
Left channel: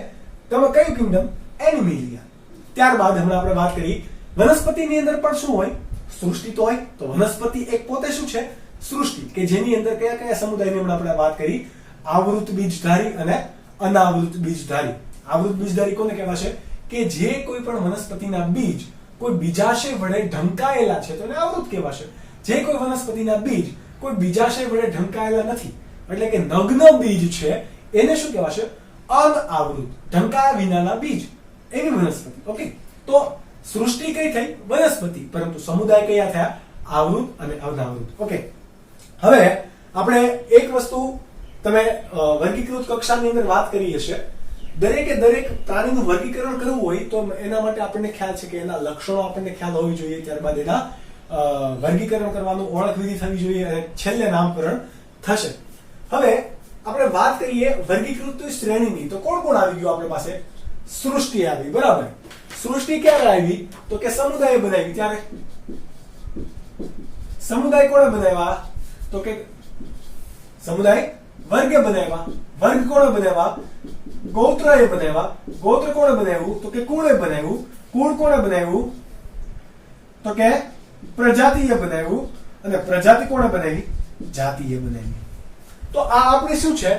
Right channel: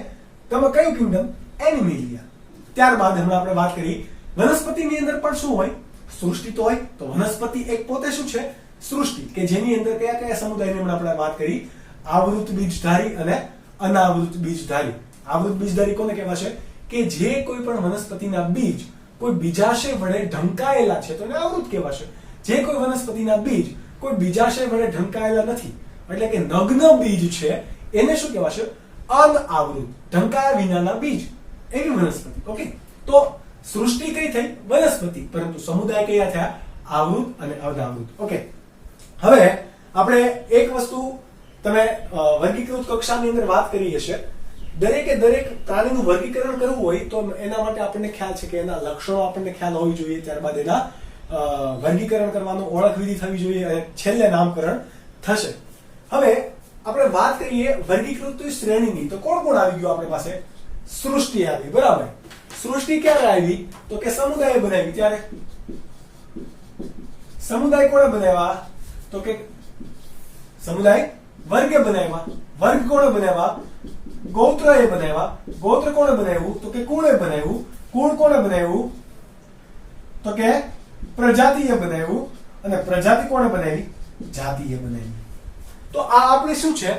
તમે કયું કિંગડમ? એનિમેલિયા. ત્યારબાદ હમણાં આપણે વાત કરી વનસ્પતિની અંદર પણ શું હોય? સૃષ્ટિ તો હોય. તો વનસ્પતિ એક પોતે શું છે? સૃષ્ટિ, કે જેની અંદર કયા કયા સમુદાયની હમણાં આપણે વાત કરી? આવૃત બીજધારી અને અનાવૃત બીજધારી. આવૃત બીજધારી કોને કહેવાશે? કે જે કોઈ પણ વનસ્પતિના બીજ કોઈ બીજાશય વડે ઢંકાયેલા છે તો એને આવૃત કહેવાશે. જે કોઈ વનસ્પતિના બીજ કોઈ બીજાશય વડે ઢંકાયેલા નથી, એટલે કે નગ્ન બીજ છે, એને શું કહેવાશે? અનાવૃત, ઢંકાયા વિનાના બીજ, એવી વનસ્પતિ. ઓકે, તો સૃષ્ટિ કઈ થઈ? વનસ્પતિ. પરંતુ સમુદાય કયા થયા? આવૃત અને અનાવૃત. ઓકે, હવે આપણે એક વસ્તુ તમે વર્ગીકૃત કક્ષાની અંદર વાત કરી હશે. દરેકે દરેક પ્રાણીનું વર્ગીકરણ કરવું હોય તો એના માટે આપણને ખ્યાલ છે કે એના લક્ષણો આપણને ખ્યાલ હોવી જોઈએ, ત્યારબાદ એના વર્ગીકરણ કરવાનું ઓળખ વિધિ થવી જોઈએ, અને છેલ્લે નામકરણ થશે. હવે આપણે વાત કરીએ વર્ગીકૃત શ્રેણીની, તો કોણ કોણ આવી ગયું આપણી પાસે? સૃષ્ટિ આવી, બરાબર. સૃષ્ટિ ક્યારે આવી? તો કે સમુદાય બનાવી ત્યારે. સમુદાય કોણે બનાવ્યા? તો કે સમુદાય વર્ગે બનાવ્યા. વર્ગ કોણે બનાવ્યા? ગોત્રએ બનાવ્યા. ગોત્ર કોણે બનાવ્યું? તો કે કુળે બનાવ્યું. કુળ કોણે બનાવ્યું? તો કે પ્રજાતિએ બનાવ્યું. અને પ્રજાતિ કોણે બનાવી? જાતિએ બનાવી. તો આ આપણે શું છે?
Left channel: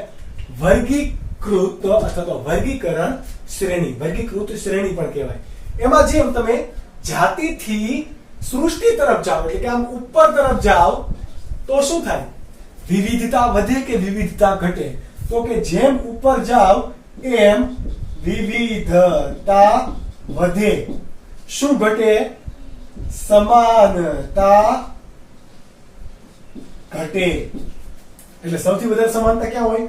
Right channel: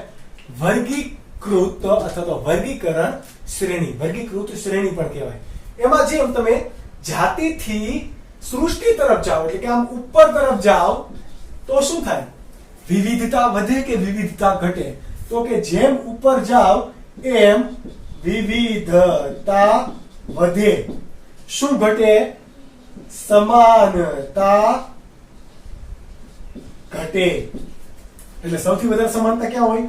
વર્ગીકૃત અથવા તો વર્ગીકરણ શ્રેણી. વર્ગીકૃત શ્રેણી પણ કહેવાય. એમાં જેમ તમે જાતિથી સૃષ્ટિ તરફ જાઓ, એટલે કે આમ ઉપર તરફ જાઓ, તો શું થાય? વિવિધતા વધે કે વિવિધતા ઘટે? તો કે જેમ ઉપર જાઓ એમ વિવિધતા વધે. શું ઘટે? સમાનતા ઘટે. એટલે સૌથી વધારે સમાનતા ક્યાં હોય?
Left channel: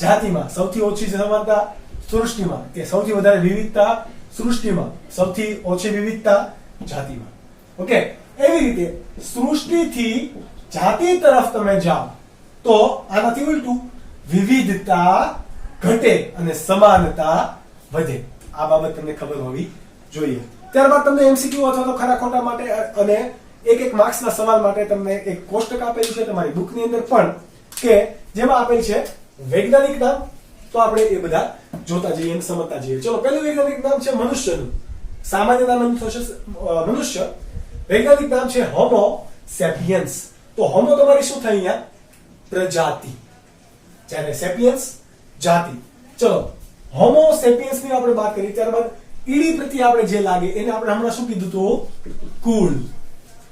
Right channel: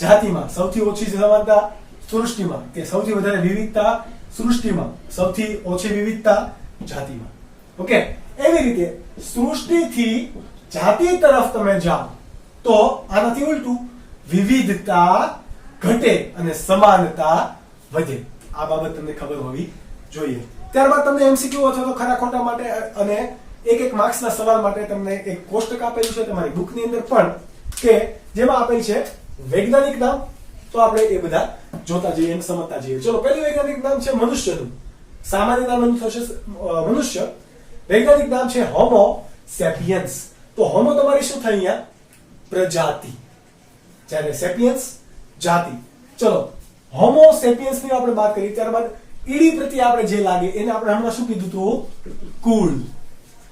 જાતિમાં. સૌથી ઓછી સમાનતા સૃષ્ટિમાં. કે સૌથી વધારે વિવિધતા સૃષ્ટિમાં, સૌથી ઓછી વિવિધતા જાતિમાં. ઓકે, એવી રીતે સૃષ્ટિથી જાતિ તરફ તમે જાઓ તો આનાથી ઉલટું, વિવિધતા ઘટે અને સમાનતા વધે. આ બાબત તમને ખબર હોવી જોઈએ. ત્યારબાદ તમને એમસીક્યુ અથવા તો ખરા ખોટા માટે અને એક માર્ક્સના સવાલ માટે તમને એક કોષ્ટક આપેલું છે તમારી બુકની અંદર પણ, કે જેમાં આપેલ છે વૈજ્ઞાનિક નામ. તો આપણે એ બધા જોતા જઈએ અને સમજતા જઈએ. ચલો, પહેલું વૈજ્ઞાનિક નામ છે મનુષ્યનું. સામાન્ય નામ એનું થશે મનુષ્ય. વૈજ્ઞાનિક નામ છે હોમો સેપિયન્સ. તો હોમો તમારી શું થઈ અહીંયા? પ્રજાતિ. જ્યારે સેપિયન્સ જાતિ. ચલો, હોમો સેપિયન્સ ની આપણે વાત કરી. ત્યારબાદ ઈડી પ્રત્યે આપણે જે લાગે એને આપણે હમણાં શું કીધું હતું? કુળ.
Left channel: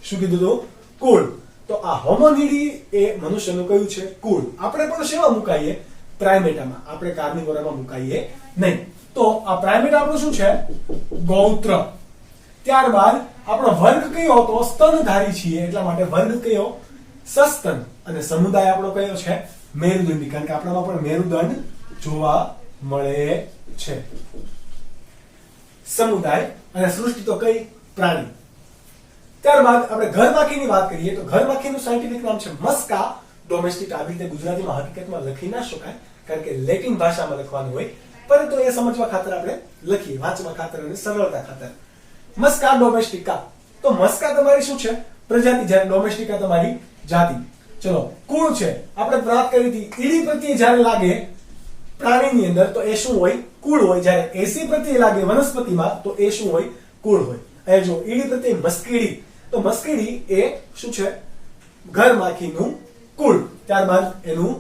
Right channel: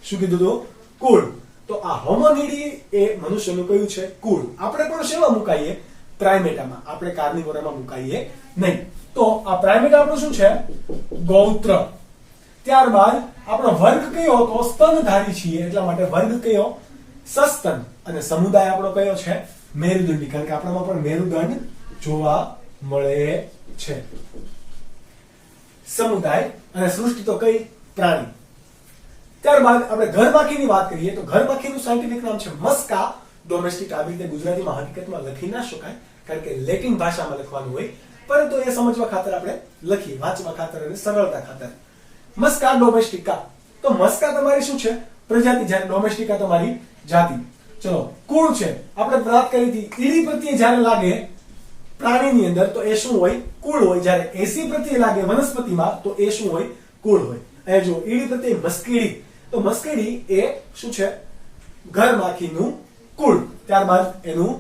શું કીધું હતું? કુળ. તો આ હોમોનીડી એ મનુષ્યનું કયું છે? કુળ. આપણે પણ શેમાં મુકાઈએ? પ્રાઇમેટામાં. આપણે કાર્નિવોરામાં મુકાઈએ નહીં. તો આ પ્રાઇમેટ આપણું શું છે? ગૌત્ર. ત્યારબાદ આપણો વર્ગ કયો હતો? સ્તનધારી છીએ, એટલા માટે વર્ગ કયો? સસ્તન. અને સમુદાય આપણો કયો છે? મેરુદંડી. કારણ કે આપણામાં પણ મેરુદંડ જોવા મળે છે. સમુદાય અને સૃષ્ટિ તો કઈ? પ્રાણી. ત્યારબાદ આપણે ઘરમાખીની વાત કરીએ તો ઘરમાખીનું સાયન્ટિફિક નામ છે મસ્કા ડોમેસ્ટિક. આવી રીતે ગુજરાતીમાં હકીકતમાં લખી ના શકાય, કારણ કે લેટિન ભાષામાં લખવાનું હોય, પરંતુ એ સમજવા ખાતર આપણે લખીએ, વાંચવા ખાતર અને સરળતા ખાતર. મસ્કા ડોમેસ્ટિકા. તો મસ્કા તમારી શું છે? પ્રજાતિ. જ્યારે ડોમેસ્ટિકા તમારી જાતિ. ચલો, કુળ છે. આપણે વાત કરી હતી ઈડી પ્રત્યે જ્યારે લાગે પ્રાણીની અંદર તો એ શું હોય? કુળ હોય. જ્યારે એસી પ્રત્યે લાગે વનસ્પતિમાં તો એ શું હોય? કુળ હોય. એ જો ઈડી પ્રત્યે મસ્કીડી. તો મસ્કીડી એ શું છે? ઘરમાખીનું કુળ. ત્યારબાદ એનું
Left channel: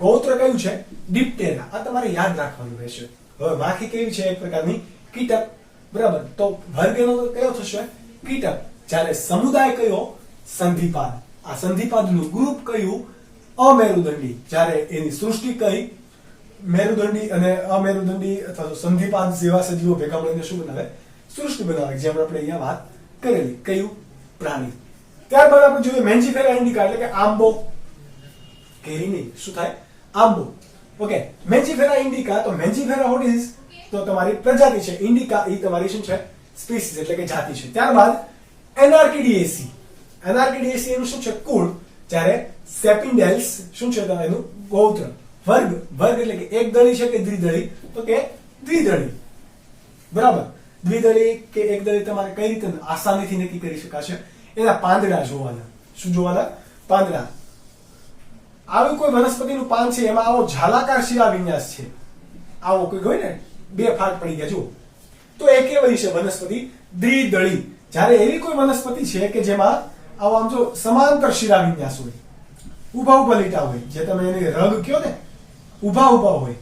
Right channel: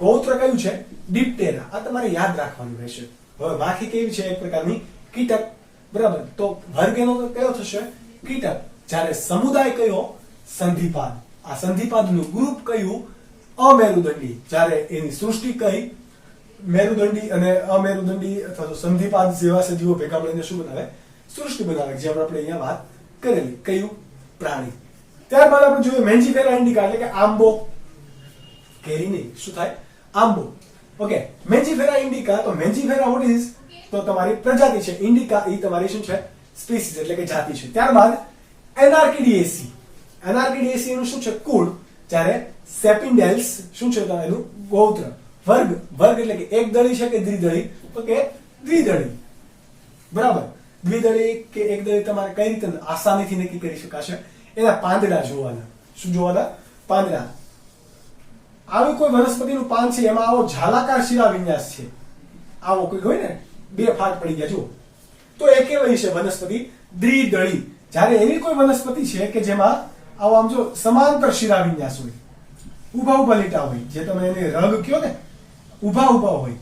ગોત્ર કયું છે? ડિપ્ટેરા. આ તમારે યાદ રાખવાનું રહેશે. હવે માખી કેવી છે? એક પ્રકારની કીટક. બરાબર. તો વર્ગ એનો કયો થશે? કીટક. જ્યારે સમુદાય કયો? સંધિપાદ. આ સંધિપાદનું ગ્રુપ કયું? અમેરુદંડી. જ્યારે એની સૃષ્ટિ કઈ? મેરુદંડી અને અમેરુદંડી અથવા તો સંધિપાદ જેવા સજીવો ભેગા મળીને શું બનાવે? સૃષ્ટિ બનાવે. જેમ આપણે અહીંયા વાત કરેલી. કયું? પ્રાણી. ત્યારબાદ આપણે જોઈએ મેન્જીફેરા ઇન્ડિકા એટલે કે આંબો. કેરી નહીં, શું થાય? આંબો. ઓકે. મેન્જીફેરા ઇન્ડિકા. તો મેન્જીફેરા વોટ ઇઝ? તો તમારી પ્રજાતિ છે. ઇન્ડિકા એ તમારી શું છે? સ્પીસીસ એટલે કે જાતિ છે. ત્યારબાદ એનાર્કિડિએસી. એનાર્કિડિએસી એનું શું છે? કુળ. જ્યારે સેપિન્ડેલ્સ શું છે? એનું ગોત્ર. વર્ગ. વર્ગ એટલે કે એક દળી છે કે દ્વિદળી? તો કે દ્વિદળી. બરાબર. દ્વિદળી કે એક દળી તમારે કઈ રીતે આસાનીથી નક્કી કરી શકાશે? એના પાંદડા જોવાના. શું જોવાના? પાંદડા. આવી કોઈ વનસ્પતિનું પાન છે એમાં આવો ઝાલાકાર શિરા વિન્યાસ છે, આવો કોઈ હોય ને, બે ફાટ પડી ગયા જુઓ, તો એ કેવી છે વનસ્પતિ? દ્વિદળી. જ્યારે એવી કોઈ વનસ્પતિ છે કે જેમાં આવો આમ જો સમાંતર શિરા વિન્યાસ હોય, ઉભા ઉભા લીટા હોય, જે તમે એને રગ કયો ને, ઉભા ઉભા હોય,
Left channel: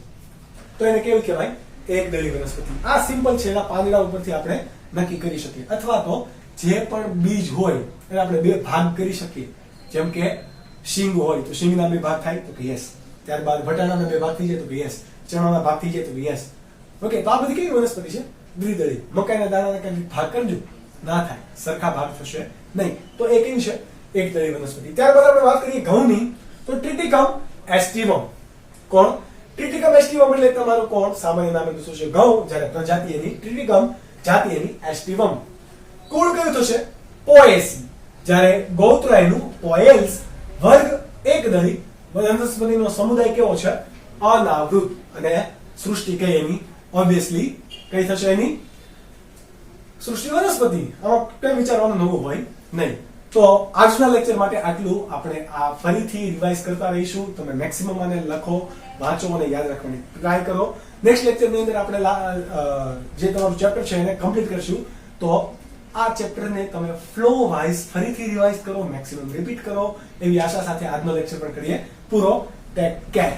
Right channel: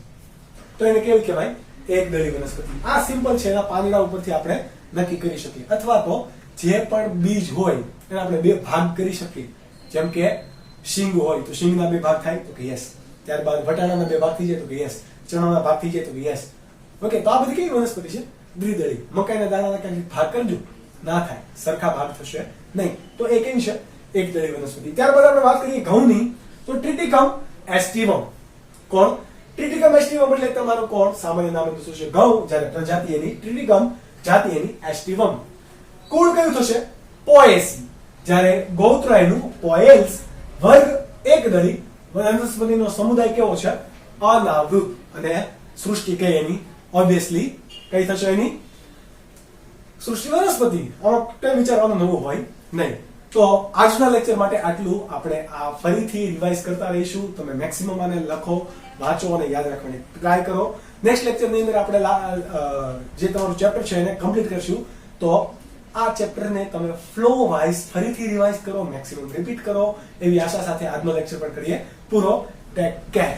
તો એને કેવી કહેવાય? એકદળી વનસ્પતિ. આ સિમ્પલ છે. એના પાંદડા ઉપરથી આપણે નક્કી કરી શકીએ. અથવા તો જે પણ બીજ હોય એને આપણે બે ભાગ કરી શકીએ. જેમ કે શીંગ હોય તો શીંગના બે ભાગ થાય તો કે યસ. ત્યારબાદ વટાણાના બે ભાગ થઈ જાય તો કે યસ. ચણાના ભાગ થઈ જાય તો કે યસ. ઓકે. તો આ બધી કેવી વનસ્પતિ છે? દ્વિદળી. મકાઈના દાણાના કઈ ભાગ કરજો, ના થાય, સરખા ભાગ થશે નહીં. તો એ કેવી છે? એકદળી વનસ્પતિ. ત્યારબાદ આપણે વાત કરીએ ઘઉંની, તો ટ્રિટિકમ એસ્ટિવમ. કોણ? ટ્રિટિકમ એસ્ટિવમ એટલે તમારું કોણ? સામાન્ય નામ શું છે? ઘઉં. જ્યારે પ્રજાતિ એની ટ્રિટિકમ, જાતિ એની એસ્ટિવમ. કુળ કયું થશે? પોએસી. જ્યારે ગોત્ર એનું પોએલ્સ. વર્ગ એકદળી. વનસ્પતિનો સમુદાય કેવો છે? અનાવૃત. અને સૃષ્ટિ કઈ એની? ઓબ્વિયસલી કઈ થશે એની? સૃષ્ટિ વનસ્પતિ. આમાં કઈ વિચારવાનું નવું હોય નહીં. તો આજના લેક્ચર માટે આટલું. આપણે આ ફરીથી રિવાઇઝ કરતા રહીશું. તમે મેક્સિમમ આને લખો, વાંચો અને યાદ રાખવાની ટ્રાય કરો. નેક્સ્ટ લેક્ચરની અંદર આપણે જે તમારું ચેપ્ટર છે એને કમ્પ્લીટ કરશું. તો આ ચેપ્ટરને તમે ફ્લો વાઇઝ ફરીથી રિવાઇઝ કરો, મેક્સિમમ રિપીટ કરો, એવી આશા સાથે આજનો લેક્ચર પણ કરીએ પૂરો. Take care.